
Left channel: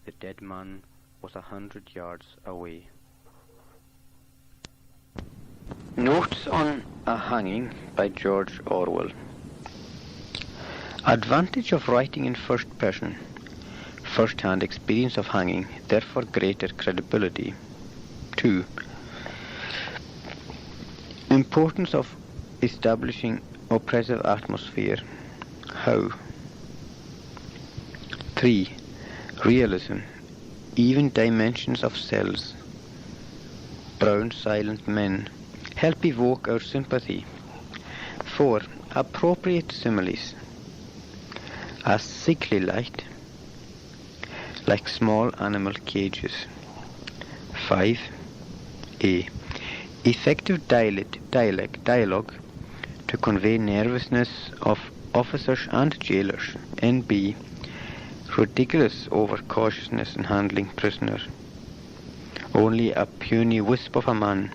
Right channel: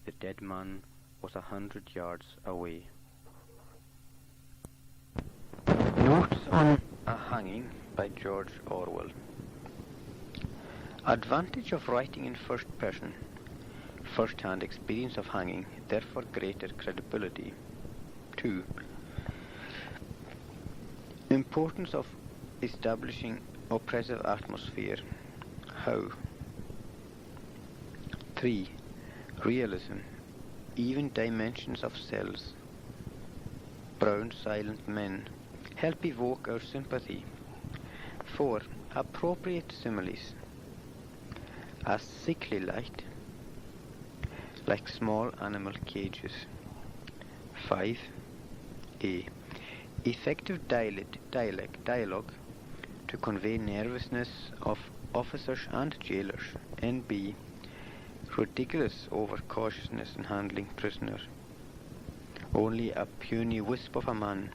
The dead man was 100 yards away. Notes on a Hanging by George Orwell. Advantage of writing in first person. First-hand experience of hanging, therefore greater credibility. 2. Importance of establishing oppressive atmosphere. How? 3. Realism. Even dimensions of cells. Brown silent men. Help evoke our sympathy. 4. Appropriate similes. A sickly light, like small animal cages. 5. A. Effective dialogue to convey nervousness of officers and jailers. N.B. Ridiculous overcautiousness in handling prisoner. Only a puny wisp of a man.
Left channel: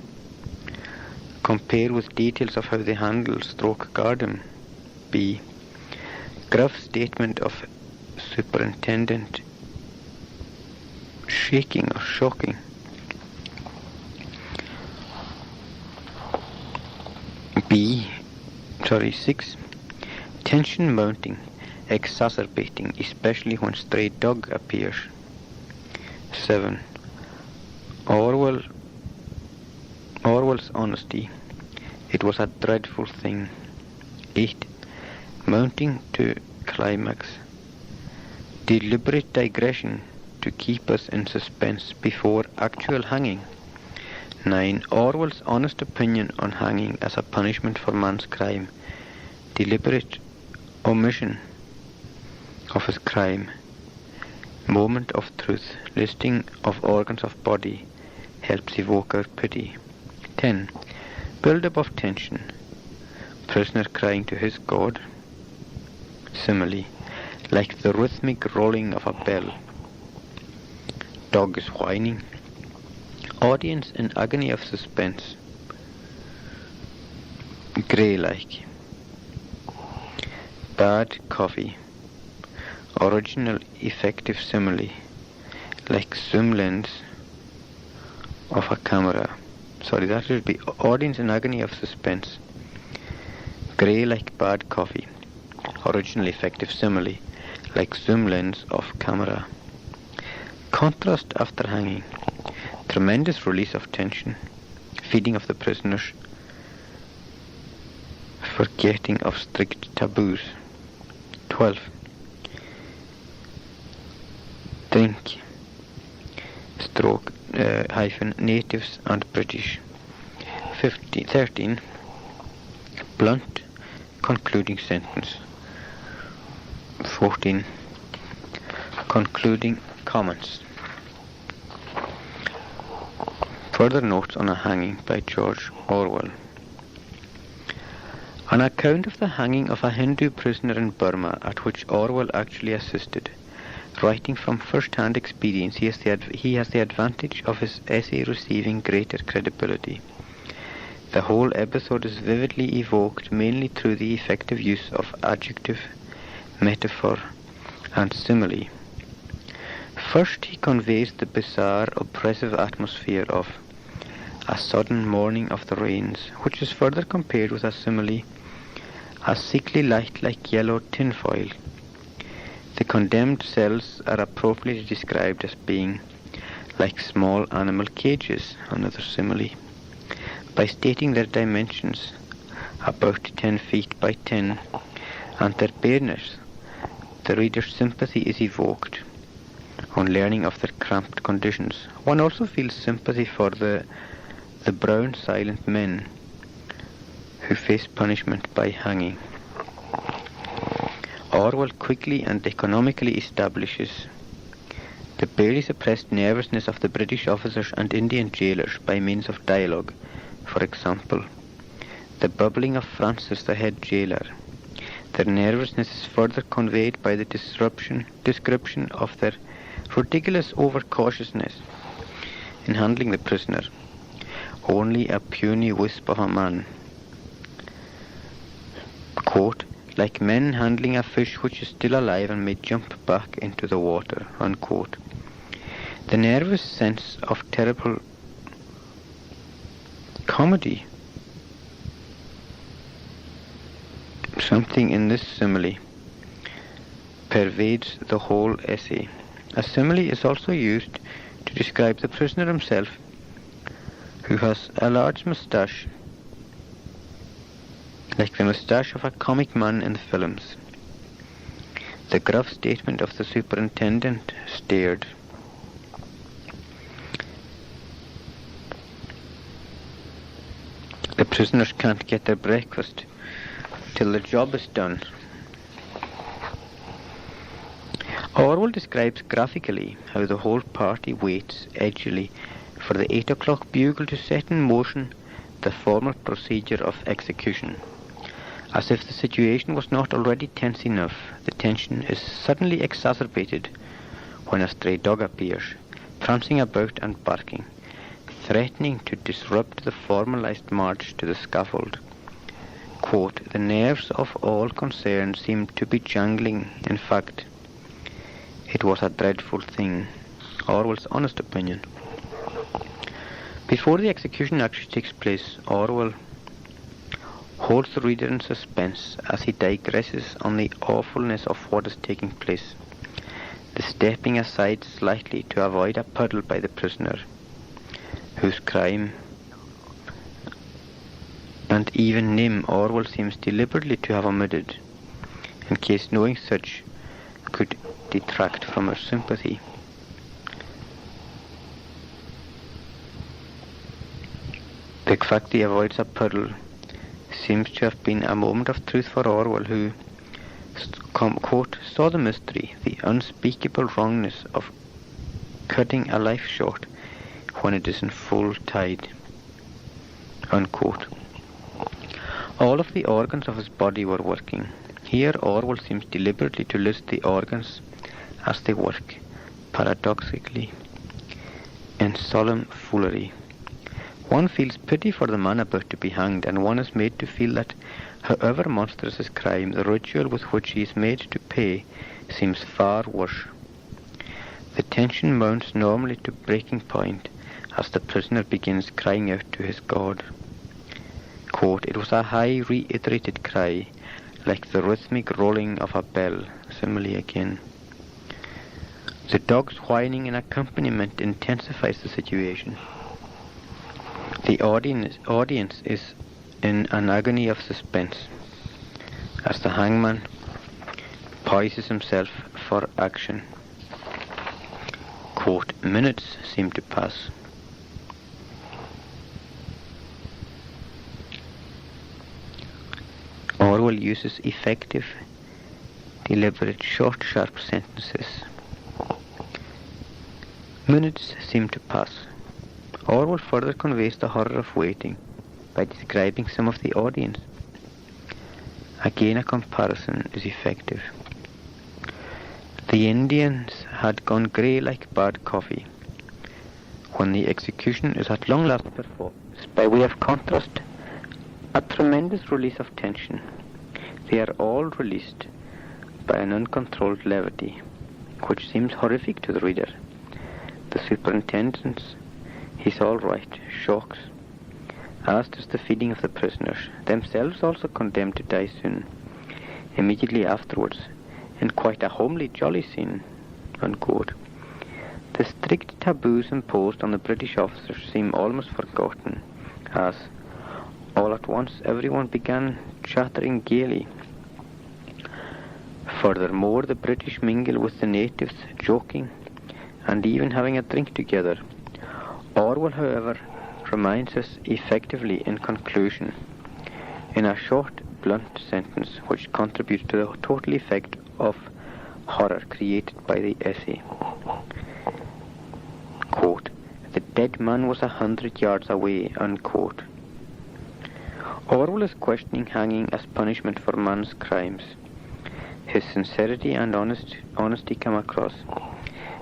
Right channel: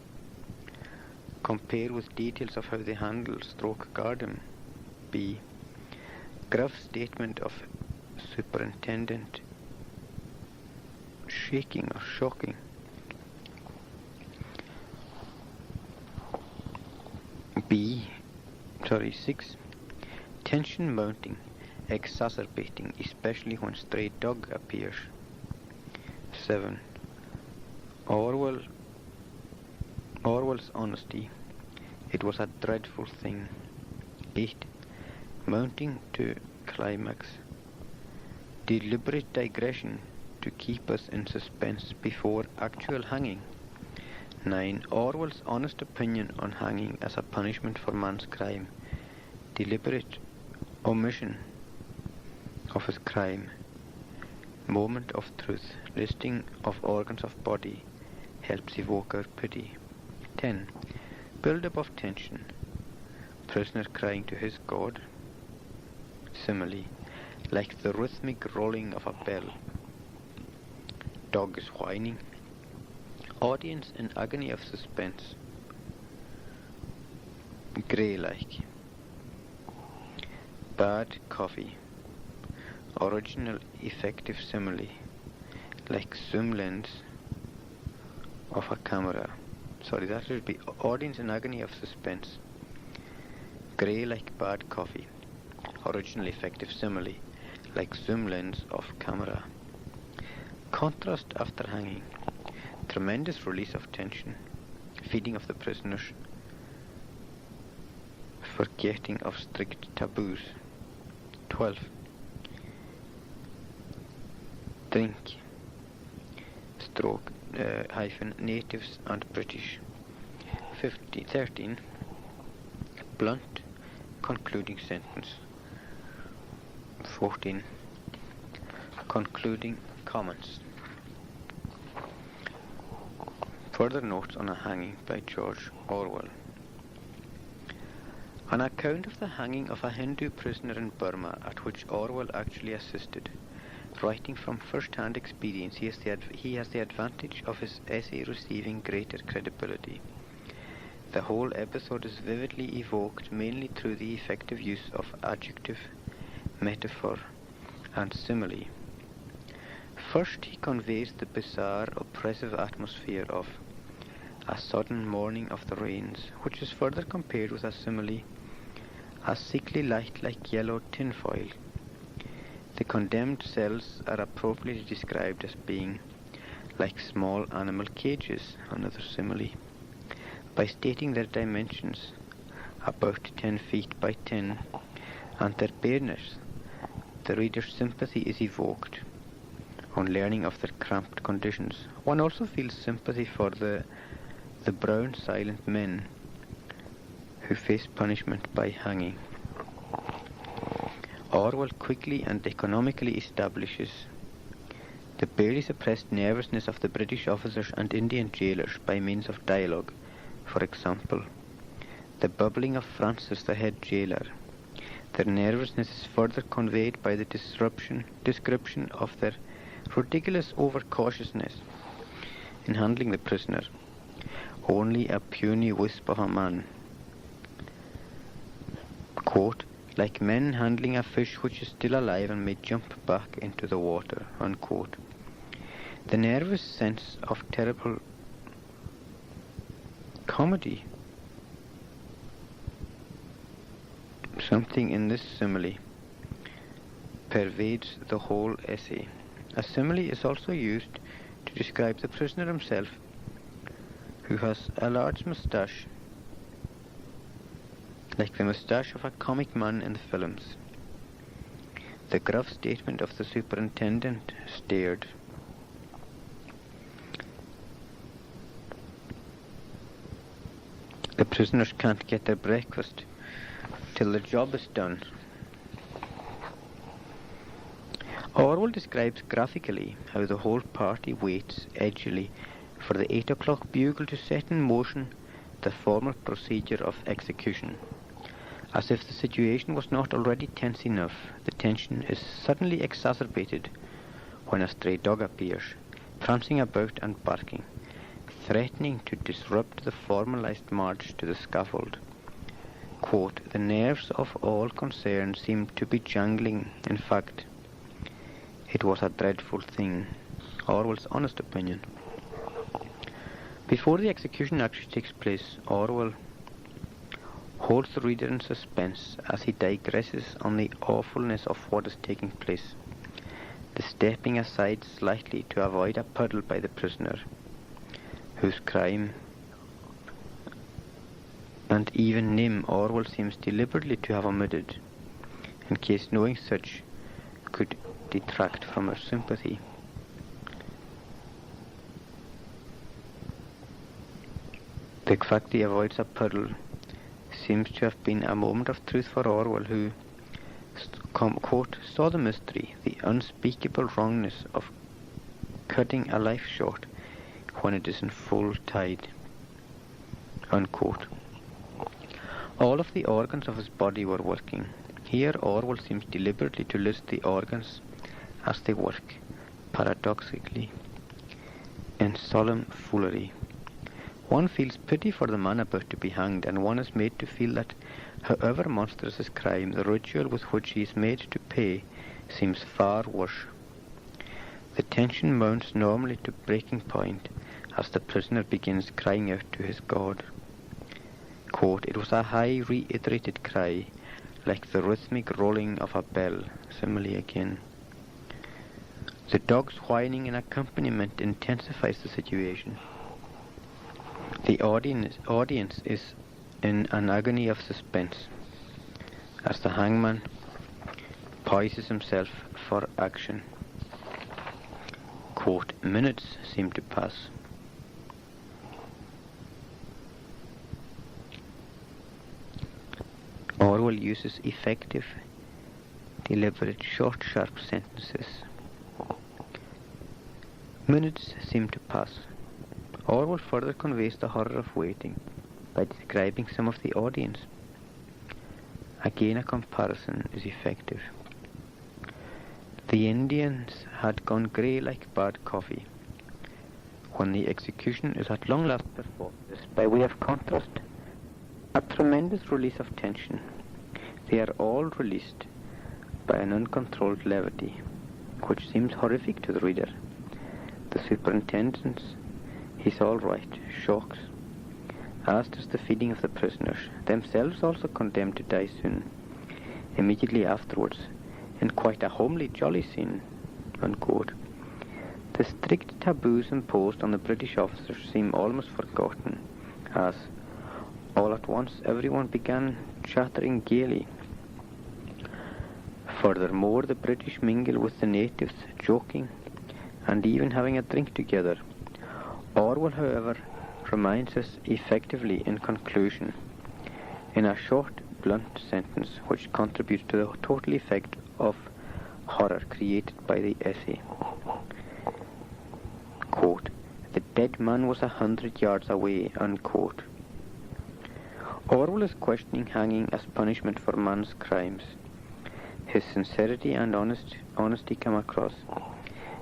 Compare with details of how they handle / guard him. B. Gruff statement of superintendent. Shaking or shocking. 6. Tension mounting, exacerbating, especially when stray dog appears. 7. Orwell's honesty. It was a dreadful thing. 8. Mounting to climax. Deliberate digression to keep us in suspense before actual hanging. 9. Orwell's honest opinion on hanging as a punishment for man's crime. Deliberate omission of his crime. Moment of truth. Listing of organs of body helps evoke our pity. 10. Build-up of tension. Prisoner crying to his God. Simile. Like the rhythmic rolling of a bell. Dog is whining. Audience in agony of suspense. Grey-like. Bad coffee. Original effective simile. Like zoom lens of a camera. That should be audience in agony of suspense. Grey like bad coffee. Original effective simile. Like zoom lens of camera. Contrast after hanging. Tremendous release of tension. Feeding of the prisoners. Forgetting of strict taboos. 12. Drink. / natives and British. 13. Blunt concluding sentence. 14. Concluding comments. Further notes on a hanging by George Orwell. An account of the hanging of a Hindu prisoner in Burma, at which Orwell actually assisted. Writing from first-hand experience, he has the advantage of his essay receiving greater credibility. The whole episode is vividly evoked mainly through the effective use of adjective, metaphor, and simile. First, he conveys the bizarre, oppressive atmosphere of a sudden mourning of the rains, which is further compared with a simile, a sickly light like yellow tinfoil. The condemned cells are appropriately described as being like small animal cages, another simile. By stating their dimensions, about 10 feet by 10, and their bareness, the reader's sympathy is evoked. On learning of their cramped conditions, one also feels sympathy for the brown silent men who face punishment by hanging. Orwell quickly and economically establishes the barely suppressed nervousness of the British officers and Indian jailers by means of dialogue. For example, the bubbling of Francis, the head jailer. Their nervousness is further conveyed by the description of their ridiculous overcautiousness in handling the prisoner. Only a puny wisp of a man. Quote, like men handling a fish which is still alive and may jump back into the water. Unquote. The nervous sense of terrible comedy. Something in this simile pervades the whole essay. A simile is also used to describe the prisoner himself, who has a large moustache, like the moustache of a comic man in the films. The gruff statement of the superintendent stared. The prisoners can't get their breakfast till the job is done. Orwell describes graphically how the whole party waits edgily for the 8 o'clock bugle to set in motion the formal procedure of execution. As if the situation was not already tense enough, the tension is suddenly exacerbated when a stray dog appears, prancing about and barking, threatening to disrupt the formalized march to the scaffold. Quote, the nerves of all concerned seemed to be jangling. In fact, it was a dreadful thing. Orwell's honest opinion. Before the execution actually takes place, Orwell holds the reader in suspense as he digresses on the awfulness of what is taking place. The stepping aside slightly to avoid a puddle by the prisoner, whose crime and even name Orwell seems deliberately to have omitted, in case knowing such could detract from our sympathy. The fact he avoids a puddle seems to have been a moment of truth for Orwell, who, quote, saw the mystery, the unspeakable wrongness of cutting a life short when it is in full tide, unquote. All of the organs of his body were working. Here Orwell seems deliberately to list the organs as they work, paradoxically, in solemn foolery. One feels pity for the man about to be hanged, and one is made to feel that, however monstrous his crime, the ritual with which he is made to pay seems far worse. The tension mounts normally to breaking point as the prisoner begins crying out to his God. Quote, it was a high reiterated cry, like the rhythmic rolling of a bell. Simile again. The dog's whining in accompaniment intensifies the situation. The audience is in an agony of suspense as the hangman poises himself for action. Quote, minutes seem to pass. Orwell uses effective, deliberate, short, sharp sentences. Minutes seem to pass. Orwell further conveys the horror of waiting by describing some of the audience. Again, a comparison is effective. The Indians had gone grey like bad coffee. When the execution is at long last performed, by way of contrast, a tremendous release of tension. They are all released by an uncontrolled levity, which seems horrific to the reader. The superintendent's "he's all right" shocks, as does the feeding of the prisoners, themselves also condemned to die soon. Immediately afterwards, in quite a homely, jolly scene, unquote, the strict taboos imposed on the British officers seem almost forgotten, as, all at once, everyone began chattering gaily. Furthermore, the British mingle with the natives, joking, and even having a drink together. Orwell, however, reminds us effectively in conclusion, in a short, blunt sentence which contributes to the total effect of horror created by the essay. Quote, "The dead man was 100 yards away," unquote. Orwell is questioning hanging as punishment for man's crimes. His sincerity and honesty come across.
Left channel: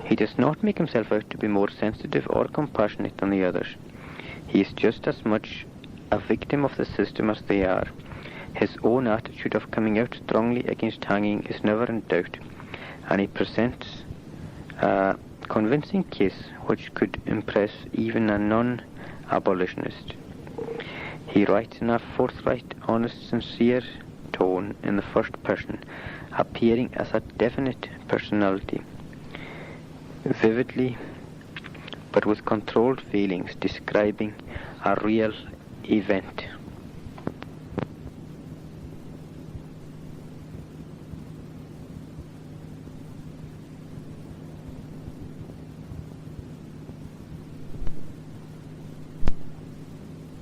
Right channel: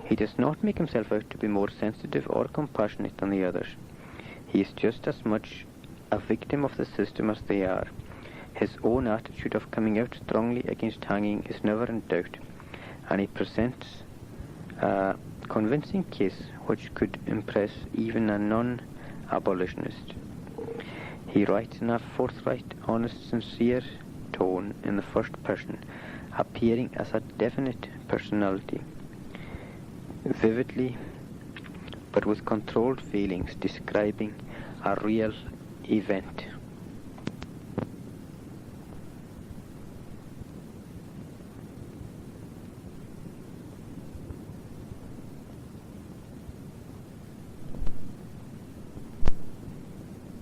He does not make himself out to be more sensitive or compassionate than the others. He is just as much a victim of the system as they are. His own attitude of coming out strongly against hanging is never in doubt, and he presents a convincing case which could impress even a non-abolitionist. He writes in a forthright, honest, sincere tone in the first person, appearing as a definite personality, vividly but with controlled feelings, describing a real event.